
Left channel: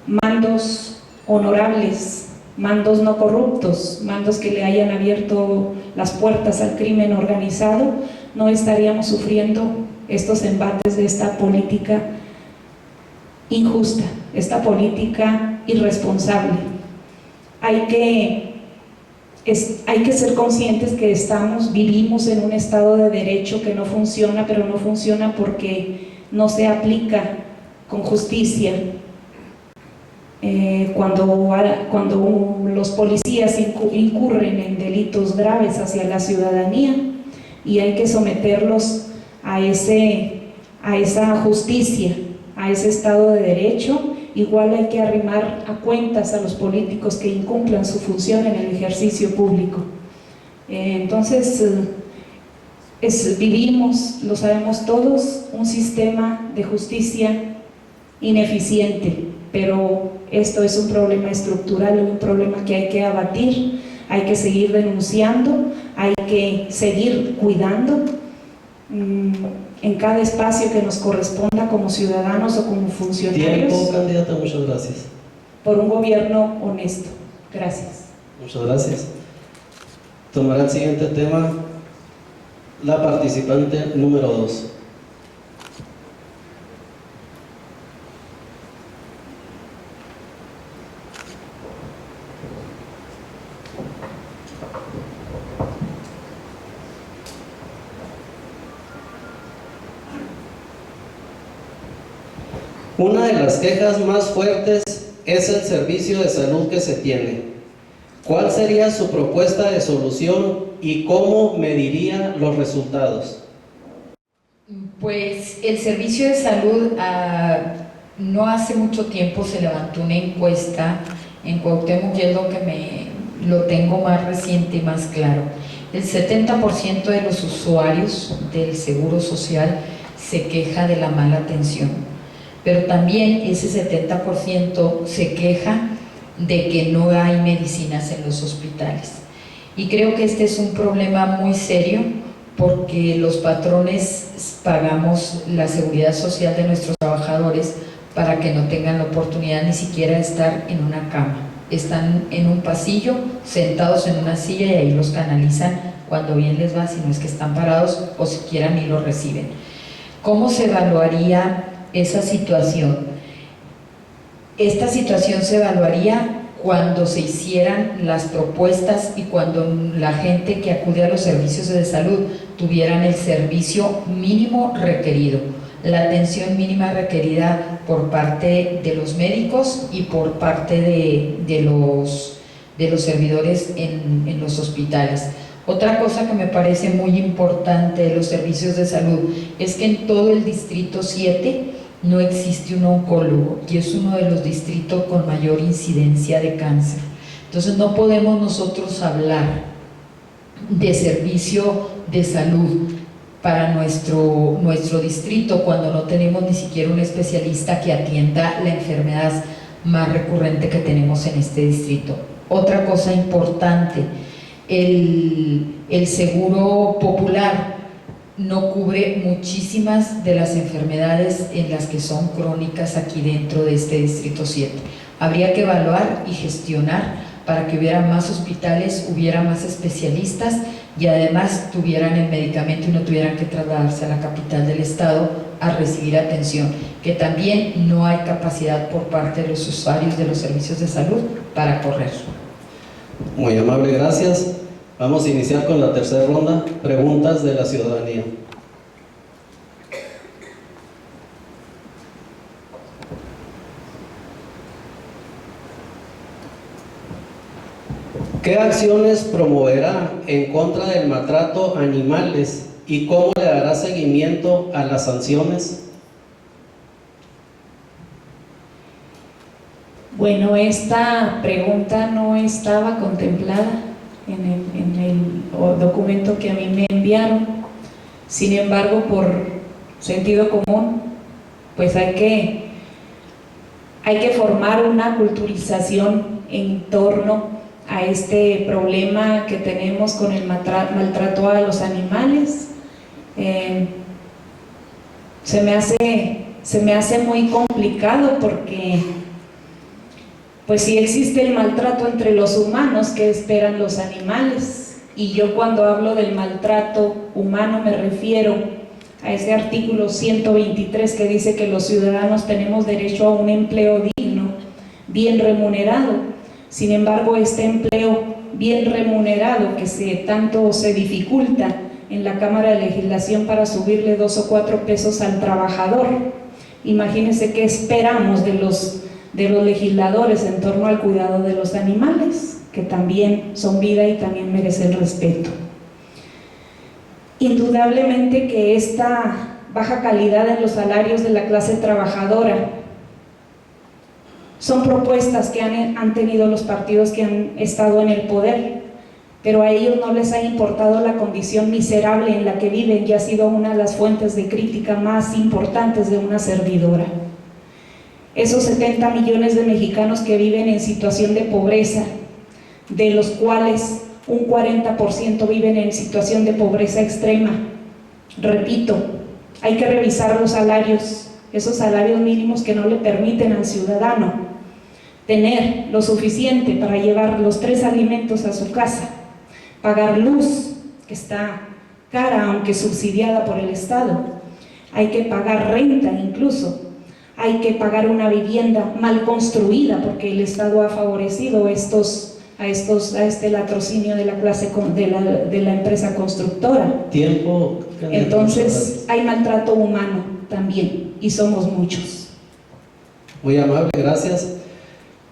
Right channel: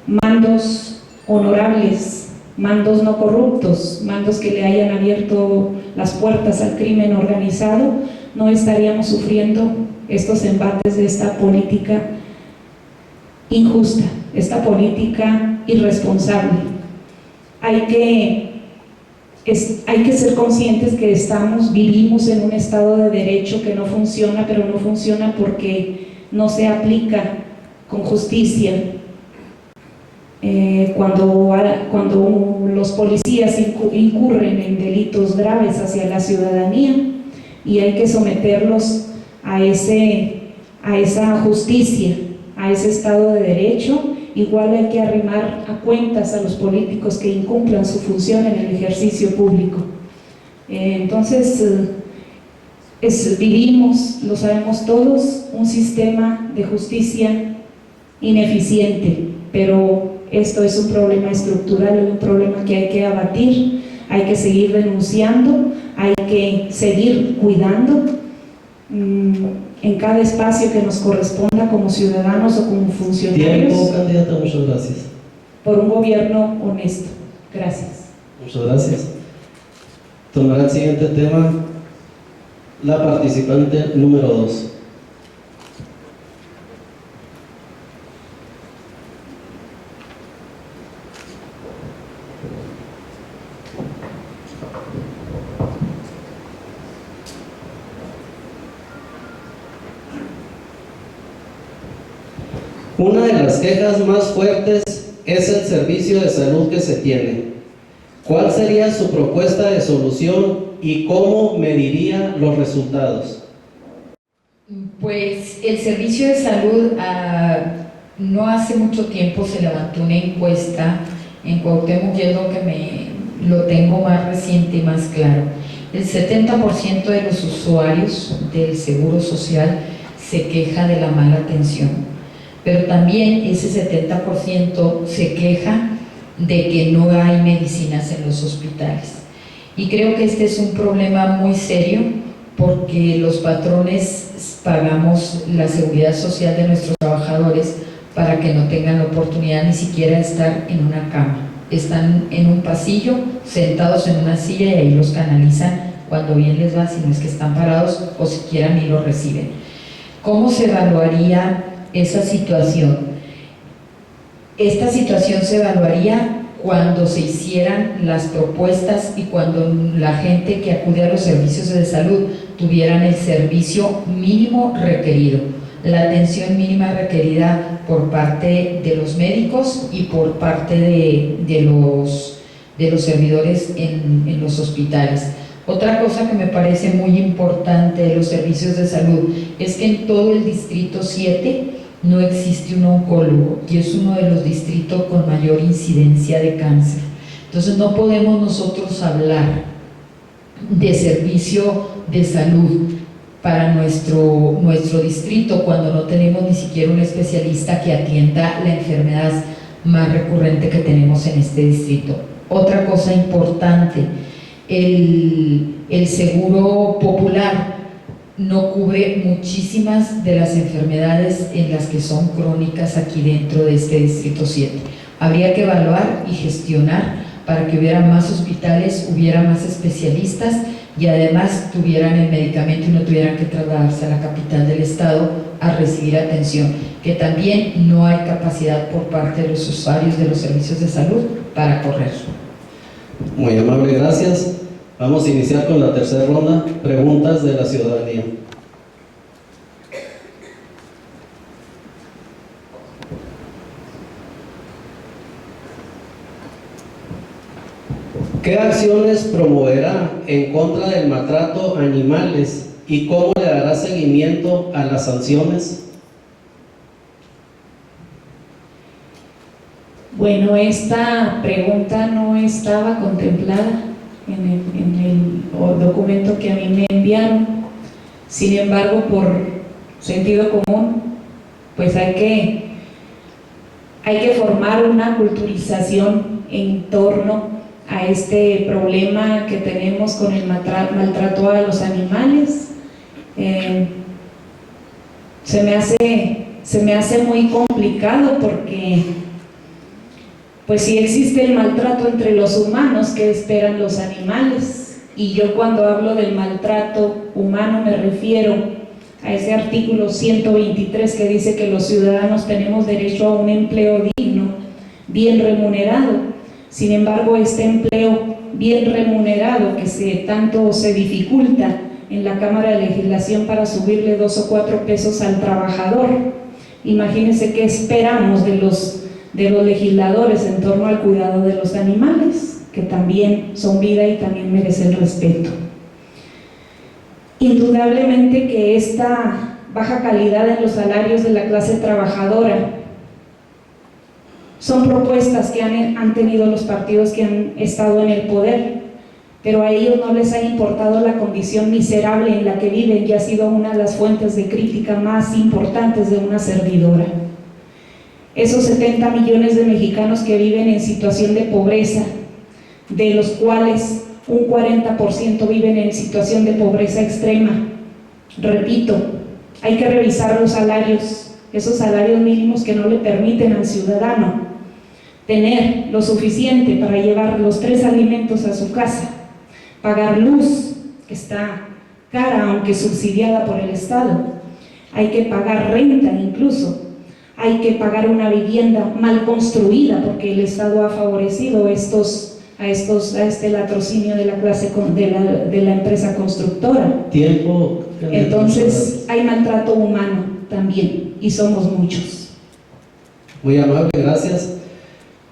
mandos honorables, mandos no corruptos, mandos que le hayan abierto las puertas al crimen organizado, no estaríamos sufriendo estos embates de esta política injusta, esta política irresponsable. Hay que ser conscientes que vivimos en un estado de derecho que no funciona, pero no funciona porque no se aplica con justicia. Cuando los policías incurren en delitos graves hacia la ciudadanía, y hay que someterlos a esa justicia, a ese estado de derecho. Igual hay que arrimar a cuentas a los políticos que incumplan su función en el ejercicio público. Entonces, vivimos, lo sabemos todos, un sistema de justicia ineficiente, pero esto es un problema estructural, un problema que hay que abatir, hay que seguir denunciando, hay que seguir cuidando en cada espacio que nos corresponda como ciudadanos o como funcionarios. Tiempo, candidata, muchas gracias. Por un gobierno honesto. Gracias. Muchas gracias. Tomará el siguiente tema la participante número 2. Una de las quejas más fuertes es el servicio de salud que se tiene. ¿Cuál sería su propuesta de solución y cómo mediría los resultados? Pues el servicio de salud, no hace mucho tiempo se levantó una encuesta en Cuauhtémoc, y es lo que lo tengo más reciente y más claro. El 70% de los usuarios del Seguro Social se queja de la mala atención, pero también ese 70% se queja de que no hay medicinas en los hospitales. Y creo que este es un problema muy serio, porque los patrones pagamos la seguridad social de nuestros trabajadores para que no tengan la oportunidad ni siquiera de estar en una cama. Están en un pasillo, sentados en una silla, y ahí los canalizan cuando bien les va, si no es que están parados o siquiera ni los reciben. ¿Cómo se evaluaría esa situación? Esta situación se evaluaría cuando se hicieran las propuestas y cuando la gente que acude a los servicios de salud tuvieran el servicio mínimo requerido, la atención mínima requerida por parte de los médicos y por parte de los servidores en los hospitales. Otra cosa que me parece muy importante de los servicios de salud es que en todo el distrito 7 no existe un oncólogo, y es uno de los distritos con mayor incidencia de cáncer. Entonces no podemos nosotros hablar de servicio de salud para nuestro distrito cuando no tenemos ni siquiera un especialista que atienda la enfermedad más recurrente que tenemos en este distrito. Otra cosa importante, el seguro popular no cubre muchísimas de las enfermedades en las que son crónicas aquí dentro de este distrito 7. Habría que evaluar y gestionar para que hubiera más hospitales, hubiera más especialistas, y además tuvieran el medicamento y no tuvieran que trasladarse a la capital del estado a recibir atención, que también no hay capacidad por parte de los usuarios de los servicios de salud para correr. Muy amable, gracias. Vamos a iniciar con la tercera ronda, preguntas de la ciudadanía. ¿Qué acciones promoverá en contra del maltrato a animales y cómo le dará seguimiento a las sanciones? Bueno, esta pregunta no estaba contemplada en el documento que a mí me enviaron. Sin embargo, por sentido común, pues hay que formar una culturización en torno a este problema que tenemos con el maltrato a los animales. Se me hace muy complicado, porque pues si existe el maltrato entre los humanos, ¿qué esperan los animales? Y yo, cuando hablo del maltrato humano, me refiero a ese artículo 123 que dice que los ciudadanos tenemos derecho a un empleo digno, bien remunerado. Sin embargo, este empleo bien remunerado que tanto se dificulta en la Cámara de Legislación para subirle 2 o 4 pesos al trabajador, imagínense qué esperamos de los legisladores en torno al cuidado de los animales, que también son vida y también merecen respeto. Indudablemente que esta baja calidad en los salarios de la clase trabajadora son propuestas que han tenido los partidos que han estado en el poder, pero a ellos no les ha importado la condición miserable en la que viven, y ha sido una de las fuentes de crítica más importantes de una servidora. Esos 70 millones de mexicanos que viven en situación de pobreza, de los cuales un 40% viven en situación de pobreza extrema. Repito, hay que revisar los salarios, esos salarios mínimos que no le permiten al ciudadano tener lo suficiente para llevar los 3 alimentos a su casa, pagar luz, que está cara aunque subsidiada por el Estado, hay que pagar renta incluso, hay que pagar una vivienda mal construida porque el Estado ha favorecido a este latrocinio de la clase de la empresa constructora. Tiempo. Entonces hay maltrato humano también, y somos muchos. Muy amable, gracias.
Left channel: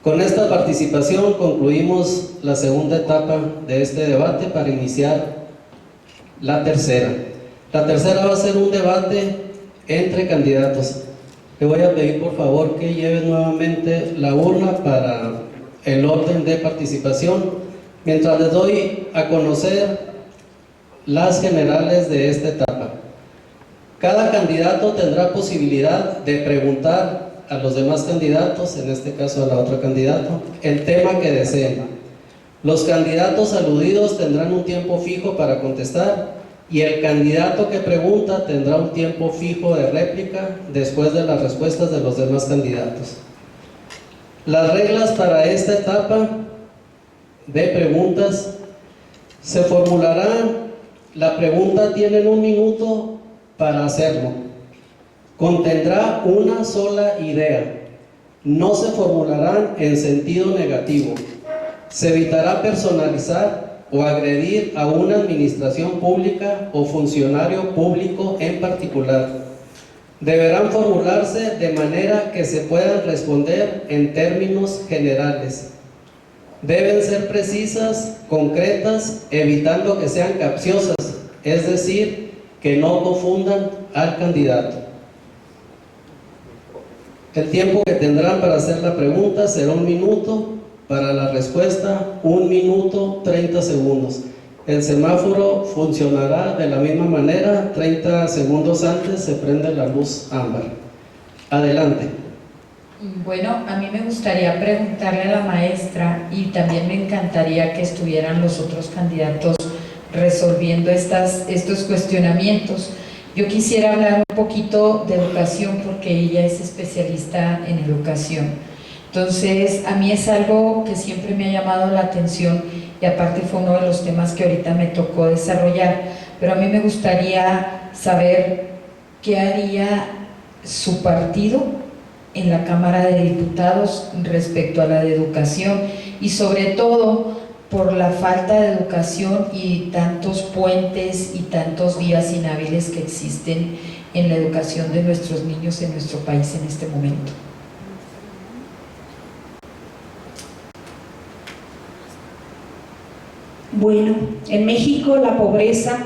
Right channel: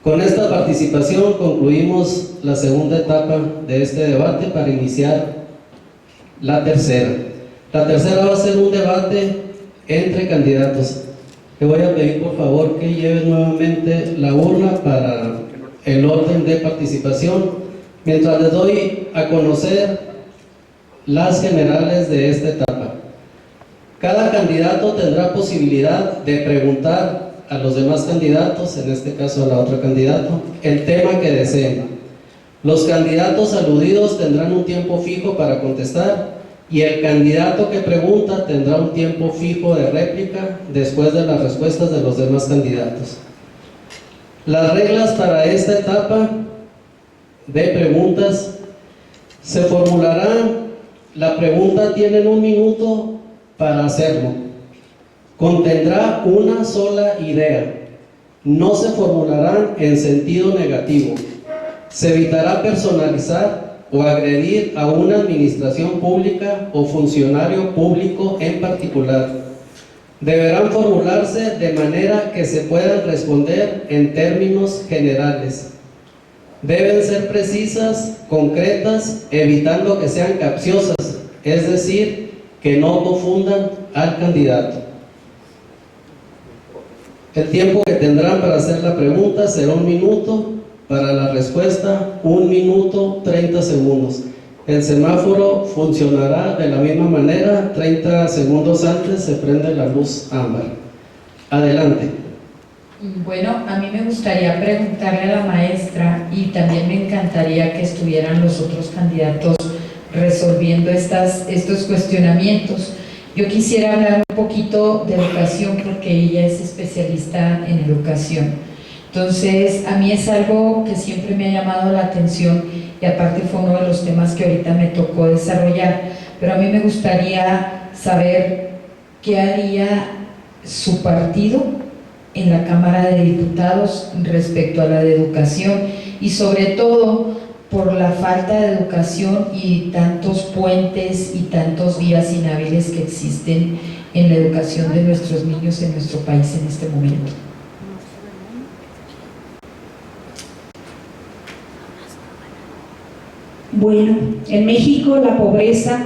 Con esta participación concluimos la segunda etapa de este debate para iniciar la tercera. La tercera va a ser un debate entre candidatos. Le voy a pedir por favor que lleven nuevamente la urna para el orden de participación, mientras les doy a conocer las generales de esta etapa. Cada candidato tendrá posibilidad de preguntar a los demás candidatos, en este caso a la otra candidata, el tema que deseen. Los candidatos aludidos tendrán un tiempo fijo para contestar y el candidato que pregunta tendrá un tiempo fijo de réplica después de las respuestas de los demás candidatos. Las reglas para esta etapa de preguntas se formularán. La pregunta tienen 1 minuto para hacerlo. Contendrá una sola idea. No se formularán en sentido negativo. Se evitará personalizar o agredir a una administración pública o funcionario público en particular. Deberán formularse de manera que se puedan responder en términos generales. Deben ser precisas, concretas, evitando que sean capciosas, es decir, que no confundan al candidato. El tiempo que tendrán para hacer la pregunta será 1 minuto, para la respuesta 1 minuto 30 segundos. El semáforo funcionará de la misma manera, 30 segundos antes se prende la luz ámbar. Adelante. Bueno, a mí me gustaría preguntarle a la maestra, y también me encantaría que estuvieran los otros candidatos resolviendo estos cuestionamientos. Yo quisiera hablar un poquito de educación porque ella es especialista en educación. Entonces, a mí es algo que siempre me ha llamado la atención y aparte fue uno de los temas que ahorita me tocó desarrollar, pero a mí me gustaría saber qué haría su partido en la Cámara de Diputados respecto a la de educación y sobre todo por la falta de educación y tantos puentes y tantos días inhábiles que existen en la educación de nuestros niños en nuestro país en este momento. Bueno, en México la pobreza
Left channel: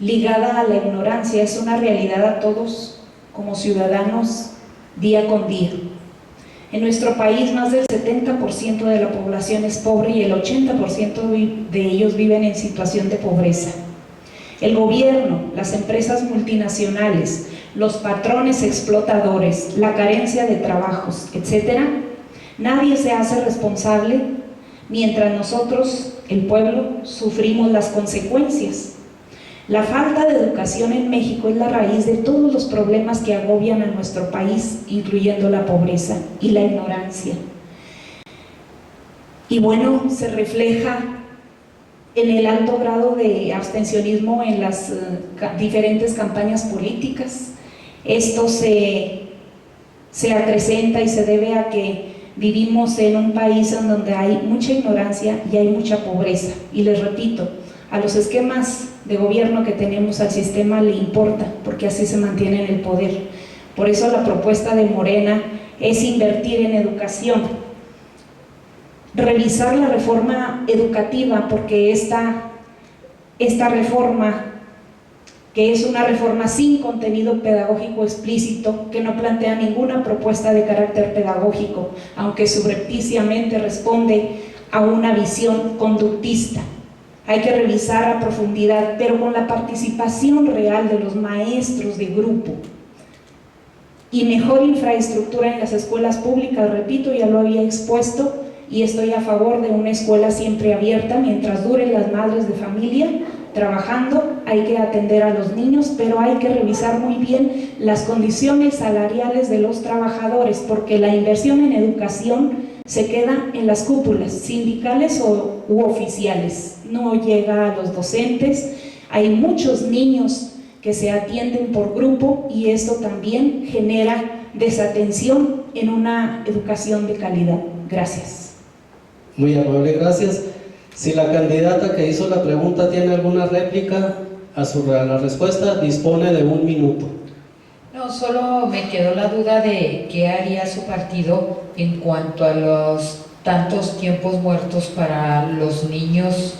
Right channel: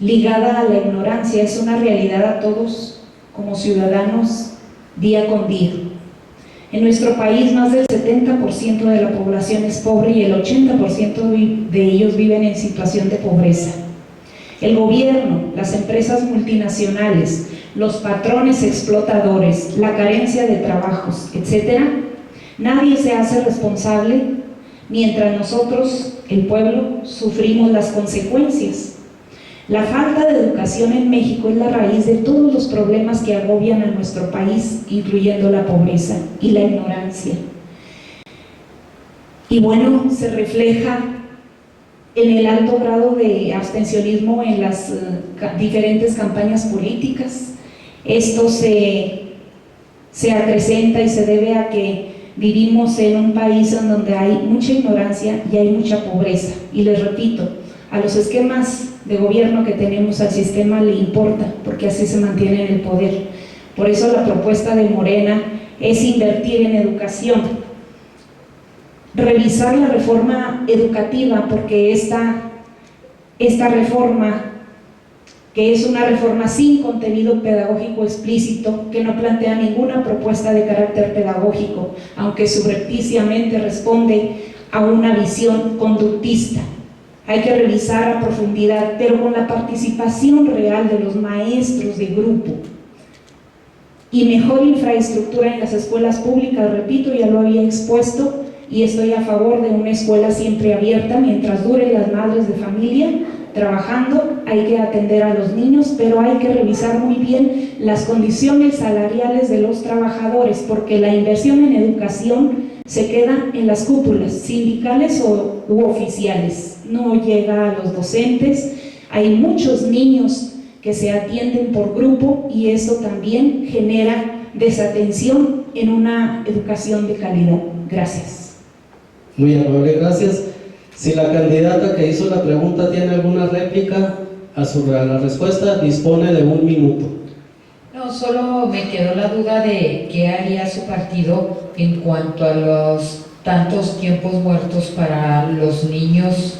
ligada a la ignorancia es una realidad a todos como ciudadanos día con día. En nuestro país más del 70% de la población es pobre y el 80% de ellos viven en situación de pobreza. El gobierno, las empresas multinacionales, los patrones explotadores, la carencia de trabajos, etc., nadie se hace responsable mientras nosotros, el pueblo, sufrimos las consecuencias. La falta de educación en México es la raíz de todos los problemas que agobian a nuestro país, incluyendo la pobreza y la ignorancia. Y bueno, se refleja en el alto grado de abstencionismo en las diferentes campañas políticas. Esto se acrecenta y se debe a que vivimos en un país en donde hay mucha ignorancia y hay mucha pobreza. Y les repito, a los esquemas de gobierno que tenemos, al sistema le importa, porque así se mantiene en el poder. Por eso la propuesta de Morena es invertir en educación, revisar la reforma educativa, porque esta reforma, que es una reforma sin contenido pedagógico explícito, que no plantea ninguna propuesta de carácter pedagógico, aunque subrepticiamente responde a una visión conductista. Hay que revisar a profundidad, pero con la participación real de los maestros de grupo y mejor infraestructura en las escuelas públicas. Repito, ya lo había expuesto y estoy a favor de una escuela siempre abierta mientras duren las madres de familia trabajando. Hay que atender a los niños, pero hay que revisar muy bien las condiciones salariales de los trabajadores, porque la inversión en educación se queda en las cúpulas sindicales u oficiales, no llega a los docentes. Hay muchos niños que se atienden por grupo y esto también genera desatención en una educación de calidad. Gracias. Muy amable, gracias. Si la candidata que hizo la pregunta tiene alguna réplica a la respuesta, dispone de 1 minuto. No, No, solo me quedó la duda de qué haría su partido en cuanto a los tantos tiempos muertos para los niños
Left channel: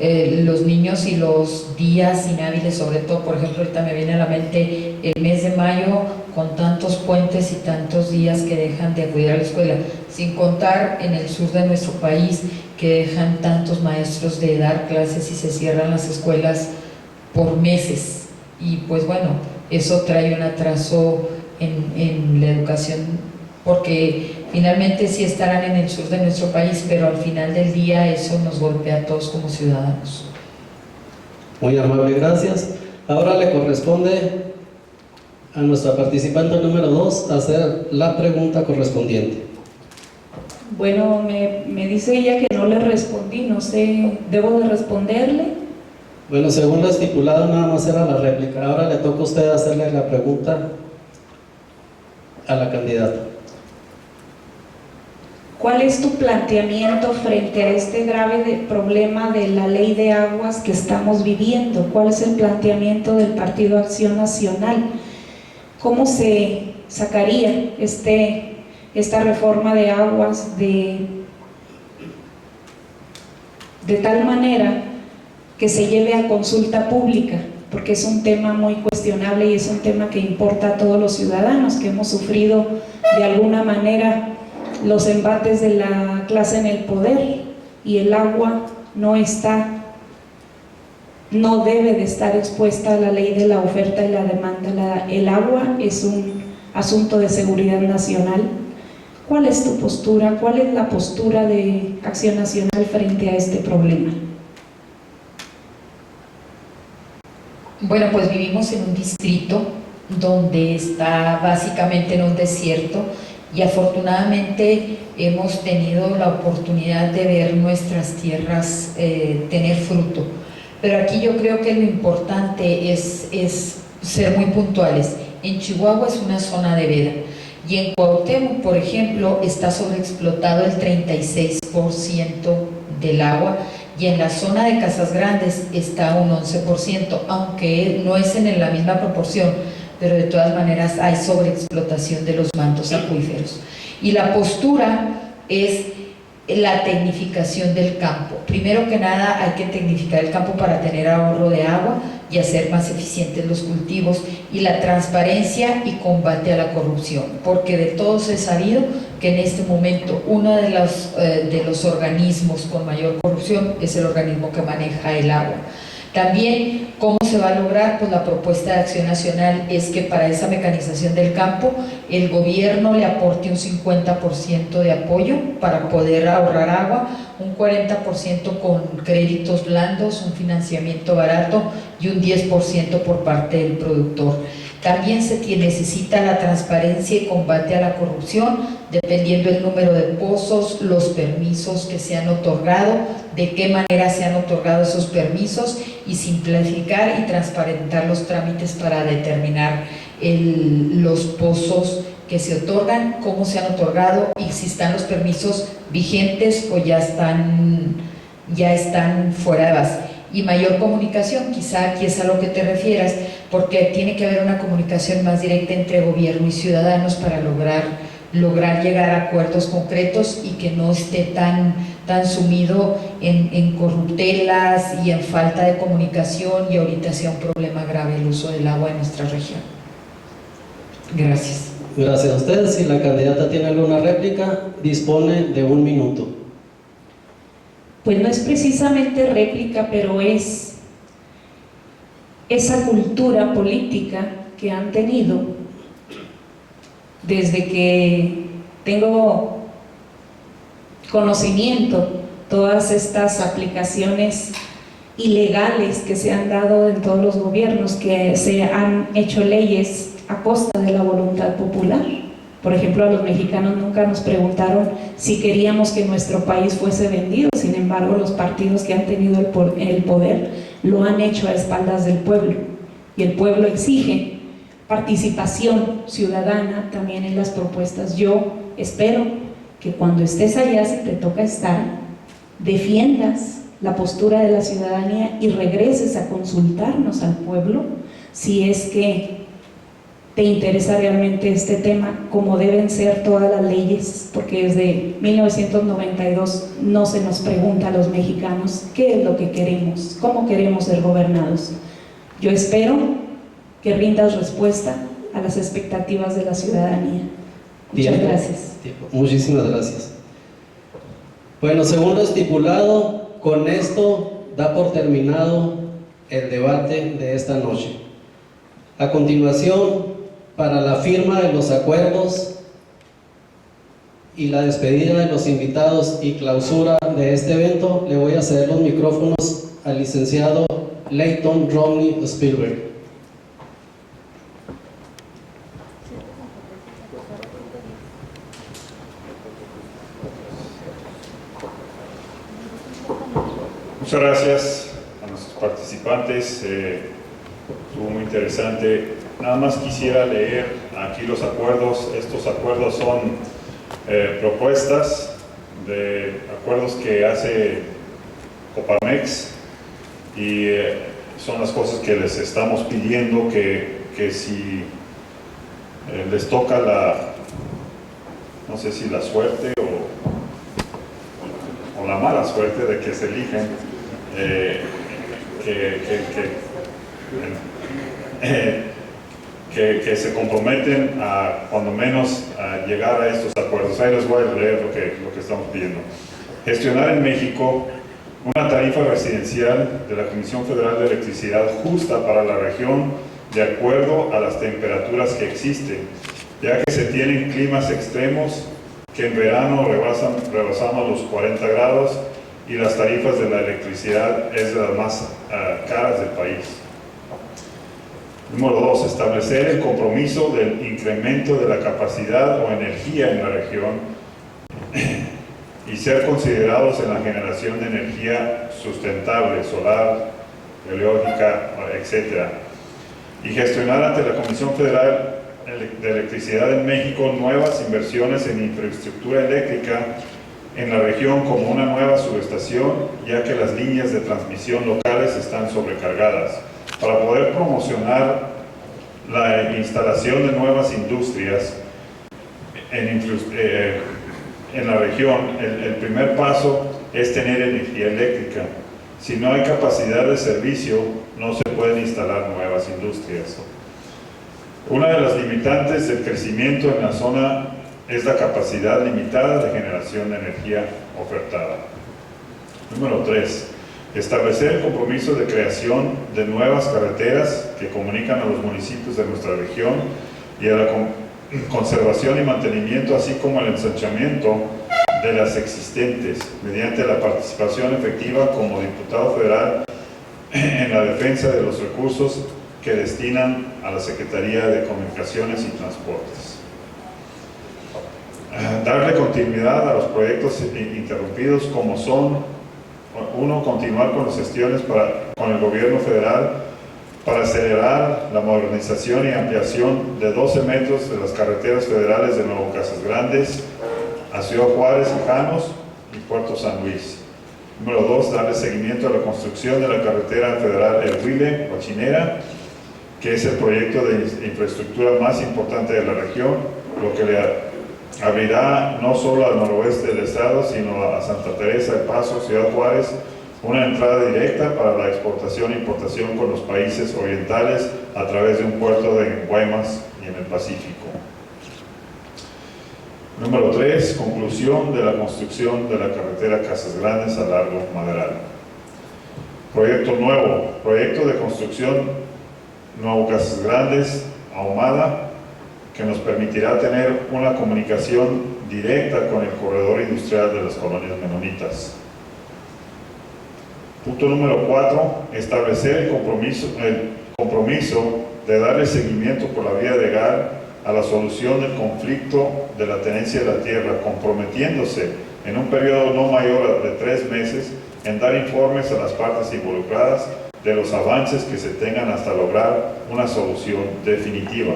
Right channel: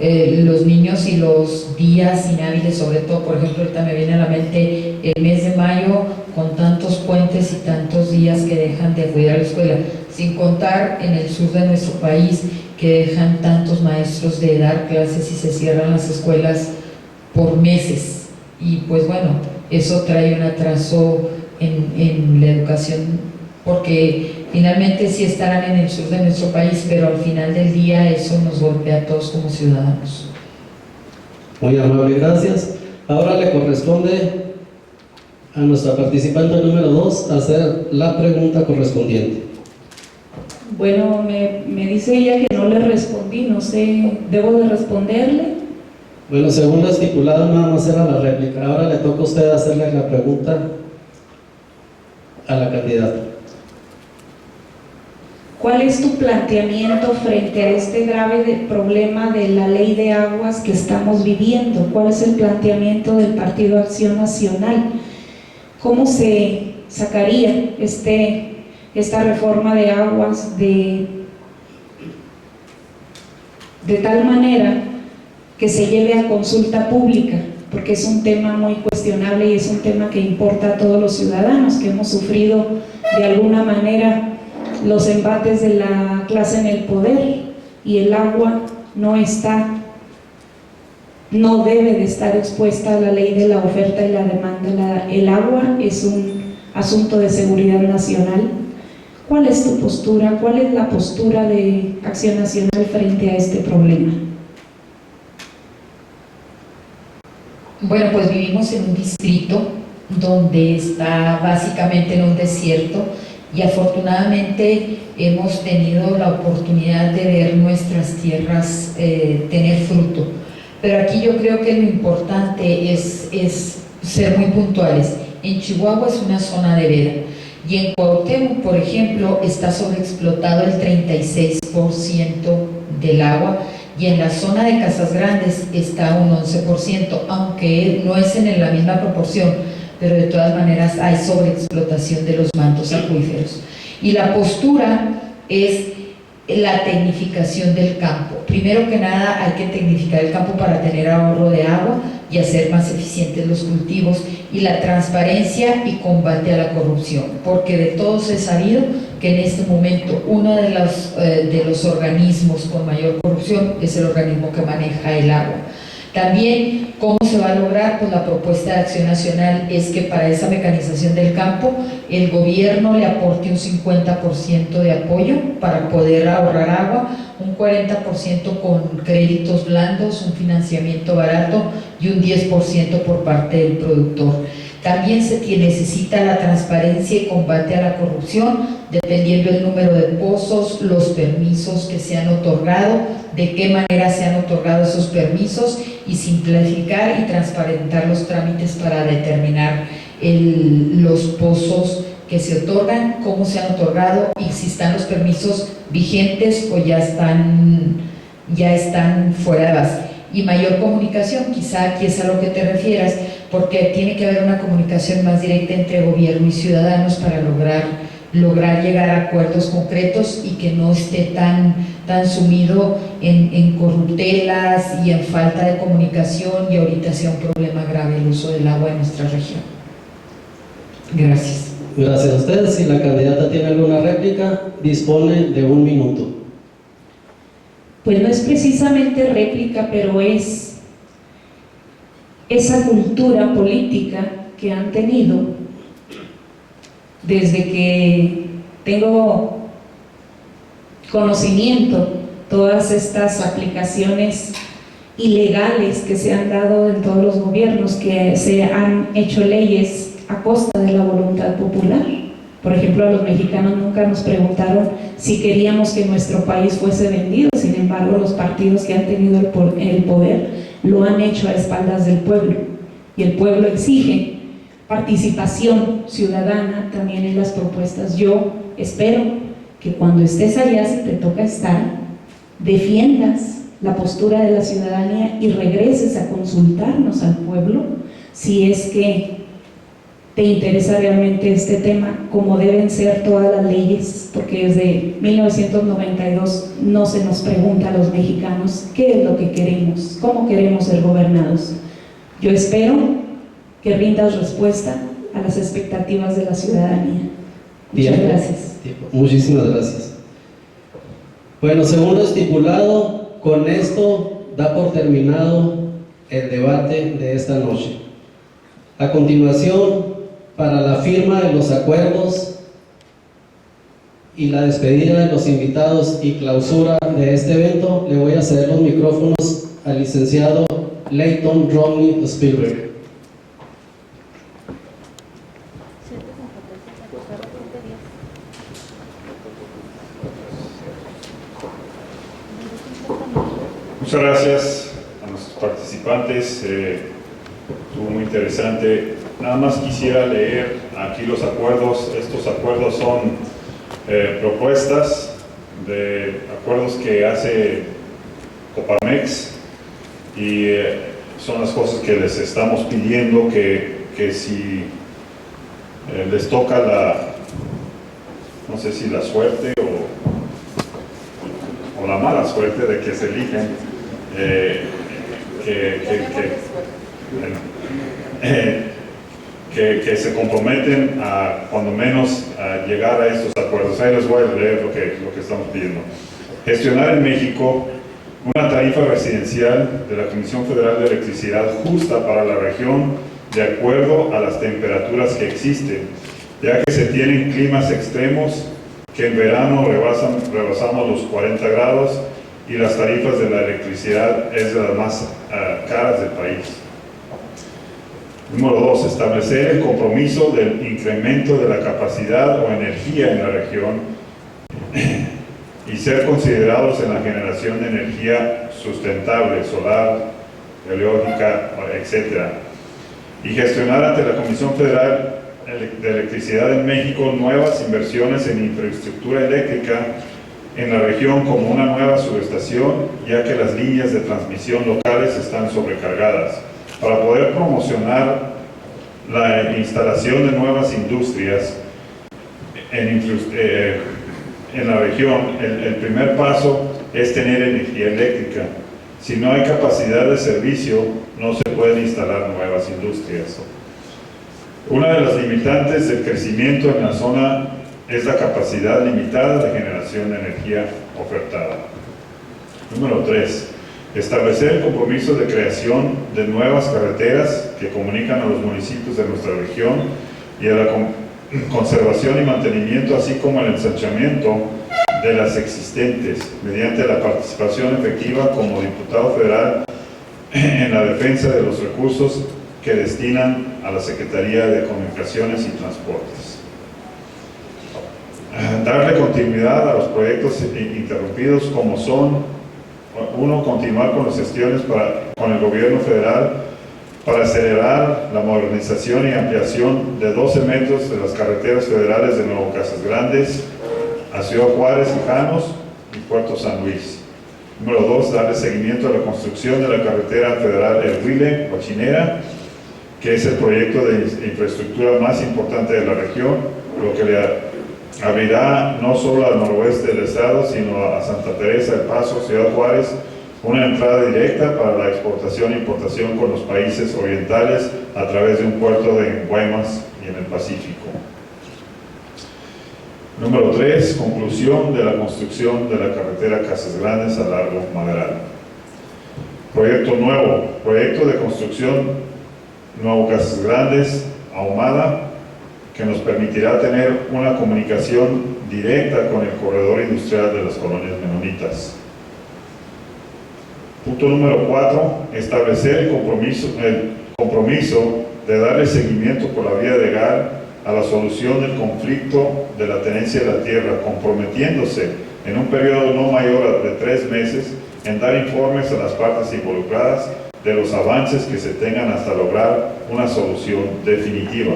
y los días inhábiles, sobre todo, por ejemplo, ahorita me viene a la mente el mes de mayo, con tantos puentes y tantos días que dejan de acudir a la escuela, sin contar en el sur de nuestro país que dejan tantos maestros de dar clases y se cierran las escuelas por meses. Y pues bueno, eso trae un atraso en la educación, porque finalmente sí estarán en el sur de nuestro país, pero al final del día eso nos golpea a todos como ciudadanos. Muy amable, gracias. Ahora le corresponde a nuestra participante número 2 hacer la pregunta correspondiente. Bueno, me dice ella que no le respondí, no sé, ¿debo de responderle? Bueno, según lo estipulado, nada más era la réplica. Ahora le toca a usted hacerle la pregunta a la candidata. ¿Cuál es tu planteamiento frente a este grave problema de la ley de aguas que estamos viviendo? ¿Cuál es el planteamiento del Partido Acción Nacional? ¿Cómo se sacaría esta reforma de aguas de tal manera que se lleve a consulta pública? Porque es un tema muy cuestionable y es un tema que importa a todos los ciudadanos que hemos sufrido de alguna manera los embates de la clase en el poder, y el agua no debe de estar expuesta a la ley de la oferta y la demanda. El agua es un asunto de seguridad nacional. ¿Cuál es tu postura? ¿Cuál es la postura de Acción Nacional frente a este problema? Bueno, pues vivimos en un distrito donde está básicamente en un desierto, y afortunadamente hemos tenido la oportunidad de ver nuestras tierras tener fruto. Pero aquí yo creo que lo importante es ser muy puntuales. En Chihuahua es una zona de veda, y en Cuauhtémoc, por ejemplo, está sobreexplotado el 36% del agua, y en la zona de Casas Grandes está un 11%, aunque no es en la misma proporción, pero de todas maneras hay sobreexplotación de los mantos acuíferos. Y la postura es la tecnificación del campo. Primero que nada hay que tecnificar el campo para tener ahorro de agua y hacer más eficientes los cultivos, y la transparencia y combate a la corrupción, porque de todos es sabido que en este momento uno de los organismos con mayor corrupción es el organismo que maneja el agua. También, ¿cómo se va a lograr? Pues la propuesta de Acción Nacional es que para esa mecanización del campo el gobierno le aporte un 50% de apoyo para poder ahorrar agua, un 40% con créditos blandos, un financiamiento barato y un 10% por parte del productor. También se necesita la transparencia y combate a la corrupción, dependiendo del número de pozos, los permisos que se han otorgado, de qué manera se han otorgado esos permisos, y simplificar y transparentar los trámites para determinar los pozos que se otorgan, cómo se han otorgado y si están los permisos vigentes o ya están fuera de base. Y mayor comunicación, quizá aquí es a lo que te refieras, porque tiene que haber una comunicación más directa entre gobierno y ciudadanos para lograr llegar a acuerdos concretos y que no esté tan sumido en corruptelas y en falta de comunicación, y ahorita sea un problema grave el uso del agua en nuestra región. Gracias. Gracias a ustedes. Si la candidata tiene alguna réplica, dispone de 1 minuto. Pues no es precisamente réplica, pero es esa cultura política que han tenido desde que tengo conocimiento, todas estas aplicaciones ilegales que se han dado en todos los gobiernos, que se han hecho leyes a costa de la voluntad popular. Por ejemplo, a los mexicanos nunca nos preguntaron si queríamos que nuestro país fuese vendido. Sin embargo, los partidos que han tenido el poder lo han hecho a espaldas del pueblo, y el pueblo exige participación ciudadana también en las propuestas. Yo espero que cuando estés allá, si te toca estar, defiendas la postura de la ciudadanía y regreses a consultarnos al pueblo si es que te interesa realmente este tema, como deben ser todas las leyes, porque desde 1992 no se nos pregunta a los mexicanos qué es lo que queremos, cómo queremos ser gobernados. Yo espero que rindas respuesta a las expectativas de la ciudadanía. Muchas gracias. Muchísimas gracias. Bueno, según lo estipulado, con esto da por terminado el debate de esta noche. A continuación, para la firma de los acuerdos y la despedida de los invitados y clausura de este evento, le voy a ceder los micrófonos al licenciado Leighton Romney Spielberg. Muchas gracias a nuestros participantes, estuvo muy interesante. Nada más quisiera leer aquí los acuerdos. Estos acuerdos son propuestas de acuerdos que hace Coparmex y son las cosas que les estamos pidiendo que si les toca no sé si la suerte o la mala suerte de que se eligen, que se comprometen a, cuando menos, a llegar a estos acuerdos. Ahí les voy a leer lo que estamos pidiendo. Gestionar en México una tarifa residencial de la Comisión Federal de Electricidad justa para la región de acuerdo a las temperaturas que existen, ya que se tienen climas extremos que en verano rebasamos los 40 grados y las tarifas de la electricidad es de las más caras del país. Número 2, establecer el compromiso del incremento de la capacidad o energía en la región y ser considerados en la generación de energía sustentable, solar, eólica, etc. Y gestionar ante la Comisión Federal de Electricidad en México nuevas inversiones en infraestructura eléctrica en la región, como una nueva subestación, ya que las líneas de transmisión locales están sobrecargadas, para poder promocionar la instalación de nuevas industrias en la región. El primer paso es tener energía eléctrica. Si no hay capacidad de servicio, no se pueden instalar nuevas industrias. Una de las limitantes del crecimiento en la zona es la capacidad limitada de generación de energía ofertada. Número 3. Establecer el compromiso de creación de nuevas carreteras que comunican a los municipios de nuestra región y a la conservación y mantenimiento, así como el ensanchamiento de las existentes, mediante la participación efectiva como diputado federal en la defensa de los recursos que destinan a la Secretaría de Comunicaciones y Transportes. Darle continuidad a los proyectos interrumpidos, como son: 1. Continuar con las gestiones con el gobierno federal para acelerar la modernización y ampliación de 12 metros de las carreteras federales de Nuevo Casas Grandes a Ciudad Juárez y Janos y Puerto San Luis. Número 2. Darle seguimiento a la construcción de la carretera federal El Huile-Cochinera, que es el proyecto de infraestructura más importante de la región, lo que le abrirá no solo al noroeste del estado, sino a Santa Teresa de Paso, Ciudad Juárez, una entrada directa para la exportación e importación con los países orientales a través de un puerto en Guaymas y en el Pacífico. Número 3. Conclusión de la construcción de la carretera Casas Grandes a Largo Madral. Proyecto nuevo. Proyecto de construcción Nuevo Casas Grandes, Ahumada, que nos permitirá tener una comunicación directa con el corredor industrial de las colonias menonitas. Punto número 4. Establecer el compromiso de darle seguimiento por la vía legal a la solución del conflicto de la tenencia de la tierra, comprometiéndose en un periodo no mayor de 3 meses en dar informes a las partes involucradas de los avances que se tengan hasta lograr una solución definitiva.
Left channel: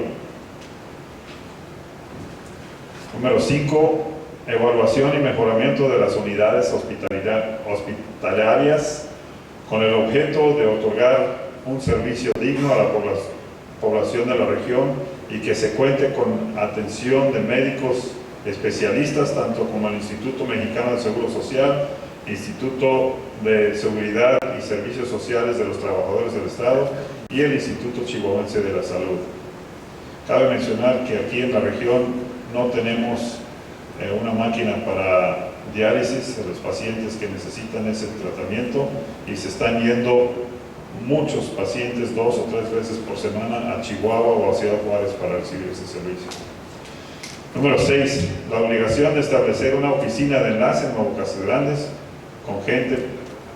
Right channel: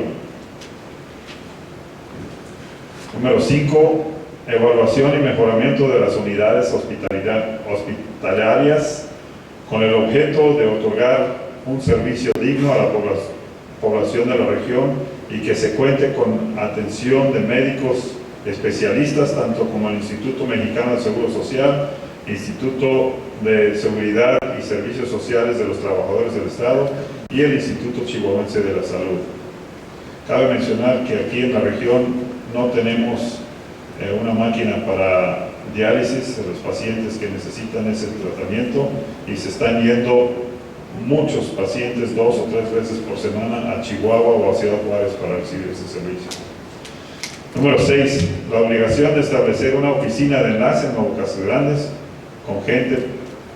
Número 5. Evaluación y mejoramiento de las unidades hospitalarias con el objeto de otorgar un servicio digno a la población de la región y que se cuente con atención de médicos especialistas, tanto como el Instituto Mexicano de Seguro Social, Instituto de Seguridad y Servicios Sociales de los Trabajadores del Estado y el Instituto Chihuahuense de la Salud. Cabe mencionar que aquí en la región no tenemos una máquina para diálisis de los pacientes que necesitan ese tratamiento y se están yendo muchos pacientes 2 o 3 veces por semana a Chihuahua o a Ciudad Juárez para recibir ese servicio. Número 6. La obligación de establecer una oficina de enlace en Nuevo Casas Grandes con gente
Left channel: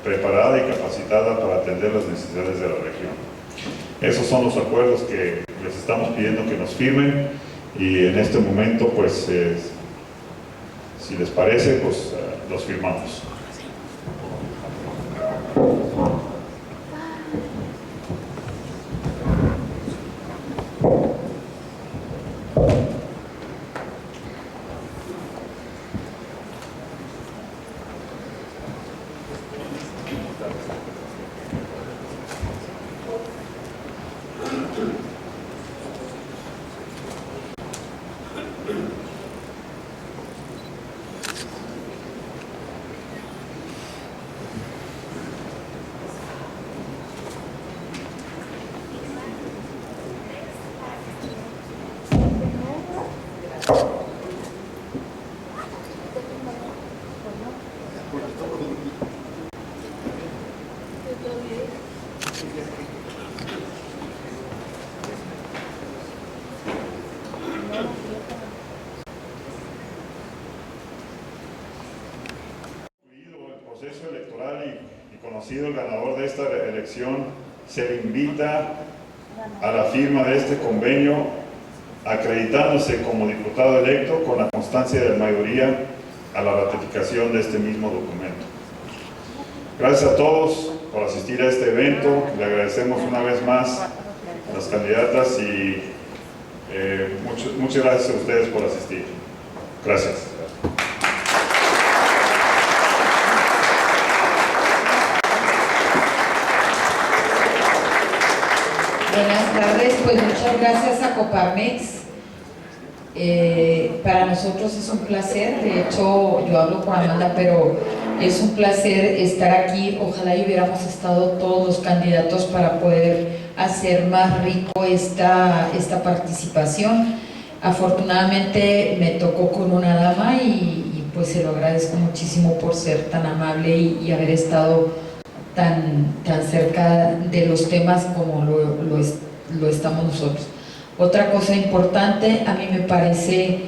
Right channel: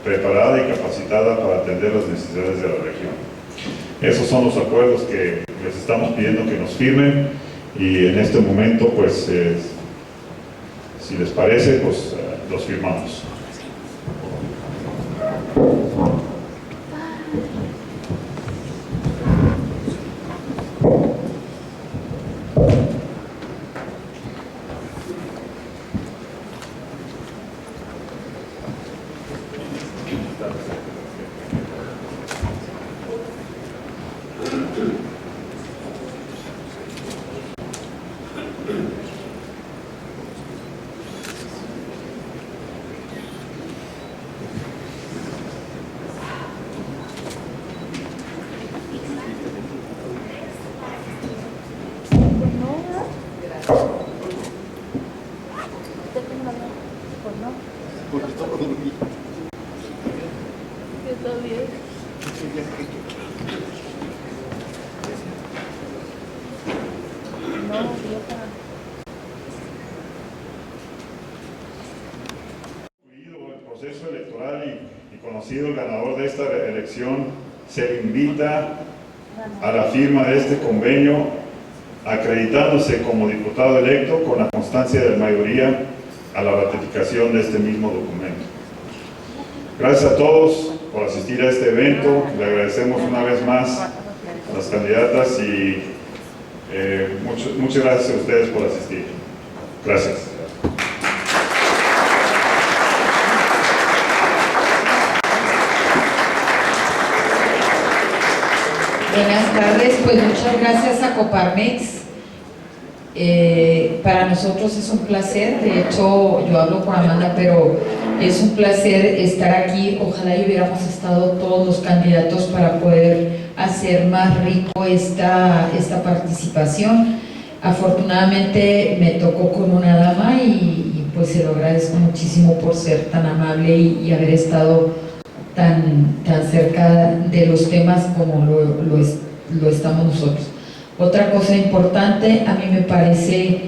preparada y capacitada para atender las necesidades de la región. Esos son los acuerdos que les estamos pidiendo que nos firmen y en este momento, pues, si les parece, pues los firmamos. El proceso electoral y conocido el ganador de esta elección, se invita a la firma de este convenio acreditándose como diputado electo con la constancia de mayoría a la ratificación de este mismo documento. Gracias a todos por asistir a este evento. Le agradecemos una vez más a las candidatas y muchas gracias a ustedes por asistir. Gracias. Buenas tardes, pues muchas gracias a Coparmex. Para nosotros es un placer, de hecho yo hablo con Amanda, pero es un placer estar aquí. Ojalá y hubiéramos estado todos los candidatos para poder hacer más rico esta participación. Afortunadamente me tocó con una dama y pues se lo agradezco muchísimo por ser tan amable y haber estado tan cerca de los temas como lo estamos nosotros. Otra cosa importante, a mí me parece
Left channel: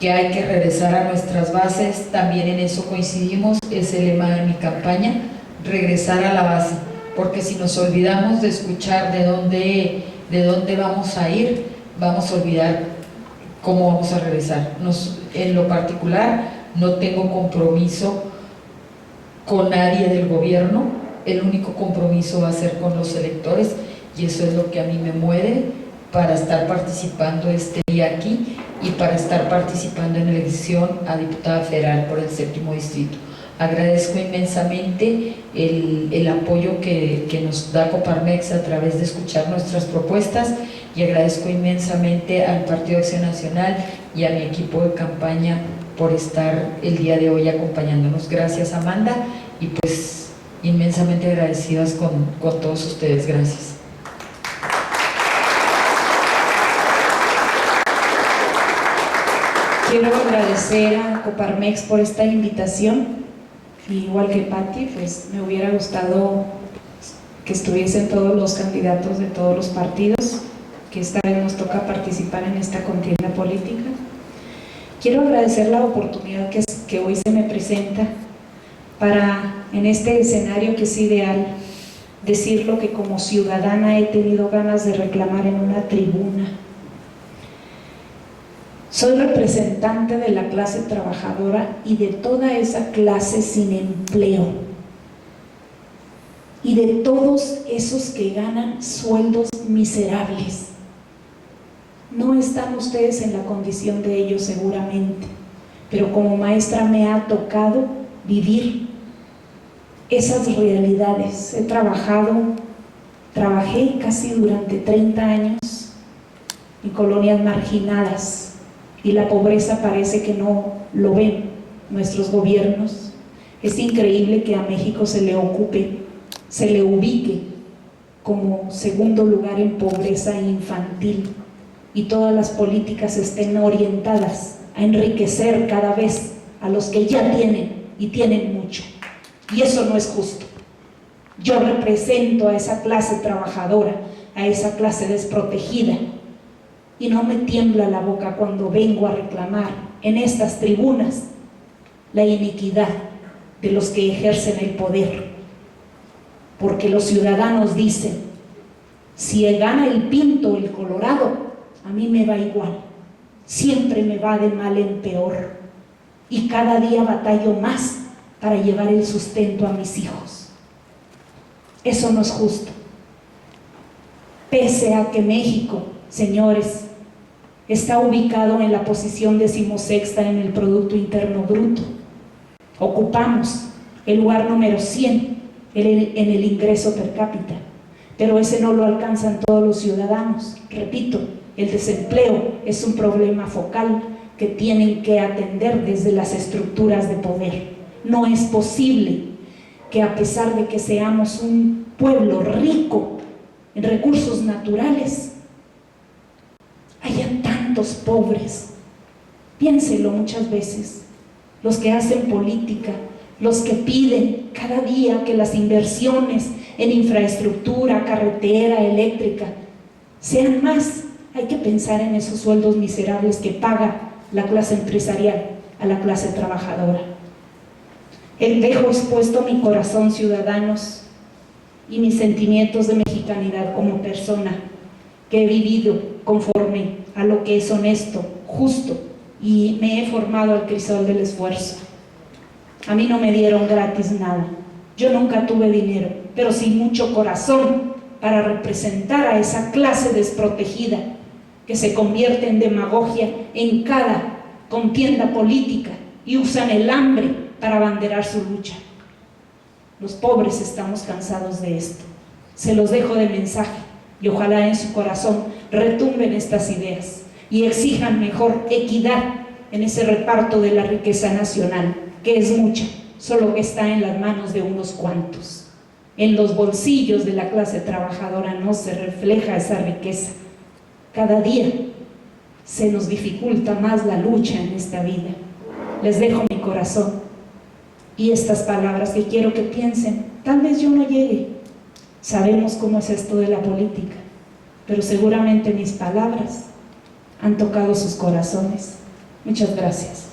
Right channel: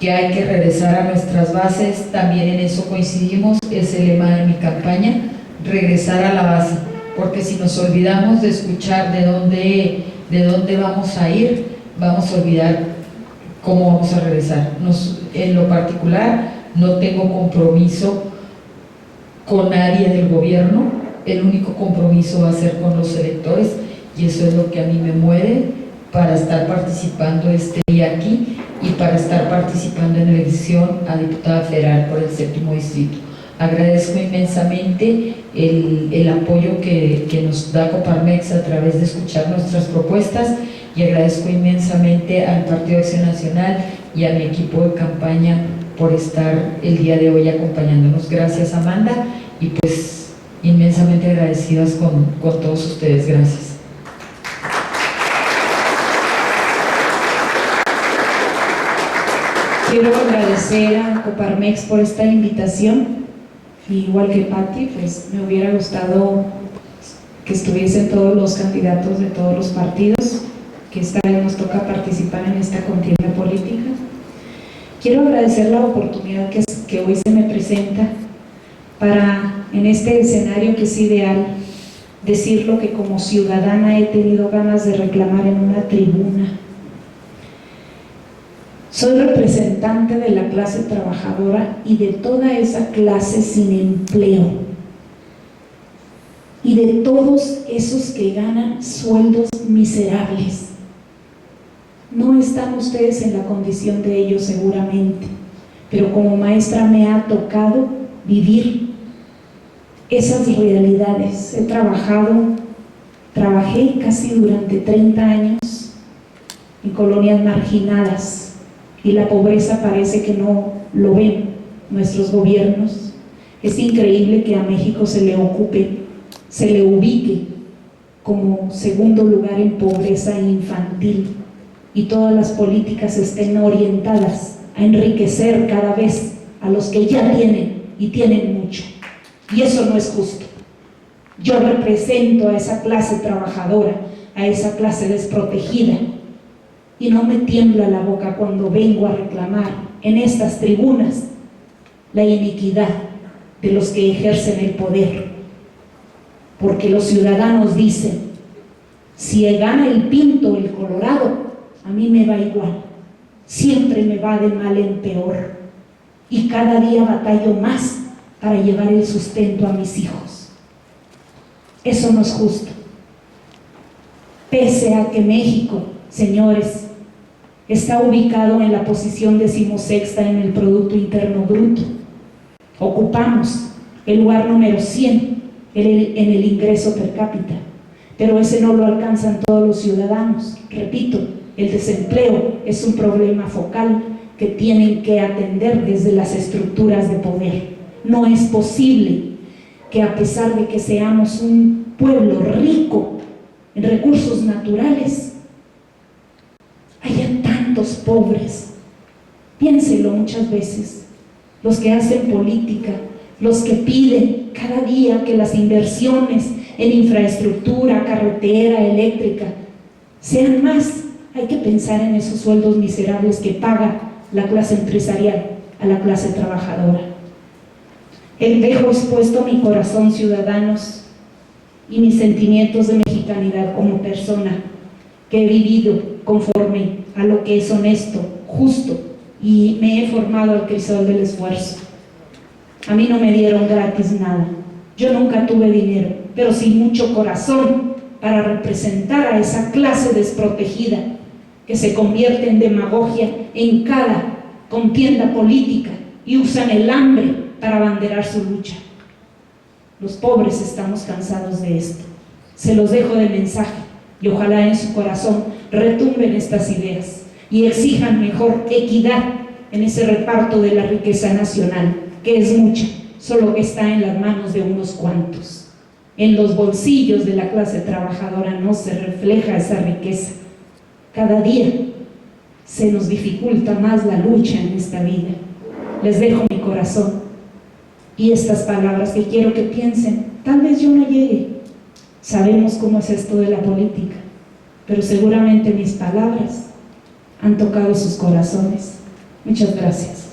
que hay que regresar a nuestras bases, también en eso coincidimos, es el lema de mi campaña, regresar a la base, porque si nos olvidamos de escuchar de dónde vamos a ir, vamos a olvidar cómo vamos a regresar. En lo particular, no tengo compromiso con nadie del gobierno, el único compromiso va a ser con los electores y eso es lo que a mí me mueve para estar participando este día aquí y para estar participando en la elección a diputada federal por el 7º distrito. Agradezco inmensamente el apoyo que nos da Coparmex a través de escuchar nuestras propuestas y agradezco inmensamente al Partido Acción Nacional y a mi equipo de campaña por estar el día de hoy acompañándonos. Gracias, Amanda, y pues inmensamente agradecidas con todos ustedes. Gracias. Quiero agradecer a Coparmex por esta invitación. Igual que Patti, pues me hubiera gustado que estuviesen todos los candidatos de todos los partidos, que esta vez nos toca participar en esta contienda política. Quiero agradecer la oportunidad que hoy se me presenta para, en este escenario que es ideal, decir lo que como ciudadana he tenido ganas de reclamar en una tribuna. Soy representante de la clase trabajadora y de toda esa clase sin empleo y de todos esos que ganan sueldos miserables. No están ustedes en la condición de ellos seguramente, pero como maestra me ha tocado vivir esas realidades. Trabajé casi durante 30 años en colonias marginadas, y la pobreza parece que no lo ven nuestros gobiernos. Es increíble que a México se le ubique como segundo lugar en pobreza infantil, y todas las políticas estén orientadas a enriquecer cada vez a los que ya tienen y tienen mucho. Y eso no es justo. Yo represento a esa clase trabajadora, a esa clase desprotegida, y no me tiembla la boca cuando vengo a reclamar en estas tribunas la iniquidad de los que ejercen el poder, porque los ciudadanos dicen: si gana el Pinto o el Colorado, a mí me va igual, siempre me va de mal en peor, y cada día batallo más para llevar el sustento a mis hijos. Eso no es justo. Pese a que México, señores, está ubicado en la posición 16ª en el Producto Interno Bruto, ocupamos el lugar número 100 en el ingreso per cápita, pero ese no lo alcanzan todos los ciudadanos. Repito, el desempleo es un problema focal que tienen que atender desde las estructuras de poder. No es posible que, a pesar de que seamos un pueblo rico en recursos naturales, haya tantos pobres. Piénselo muchas veces, los que hacen política, los que piden cada día que las inversiones en infraestructura, carretera, eléctrica, sean más. Hay que pensar en esos sueldos miserables que paga la clase empresarial a la clase trabajadora. Dejo expuesto mi corazón, ciudadanos, y mis sentimientos de mexicanidad como persona que he vivido conforme a lo que es honesto, justo, y me he formado al crisol del esfuerzo. A mí no me dieron gratis nada. Yo nunca tuve dinero, pero sí mucho corazón para representar a esa clase desprotegida que se convierte en demagogia en cada contienda política y usan el hambre para abanderar su lucha. Los pobres estamos cansados de esto. Se los dejo de mensaje, y ojalá en su corazón retumben estas ideas y exijan mejor equidad en ese reparto de la riqueza nacional, que es mucha, solo que está en las manos de unos cuantos. En los bolsillos de la clase trabajadora no se refleja esa riqueza. Cada día se nos dificulta más la lucha en esta vida. Les dejo mi corazón y estas palabras que quiero que piensen. Tal vez yo no llegue, sabemos cómo es esto de la política, pero seguramente mis palabras han tocado sus corazones. Muchas gracias.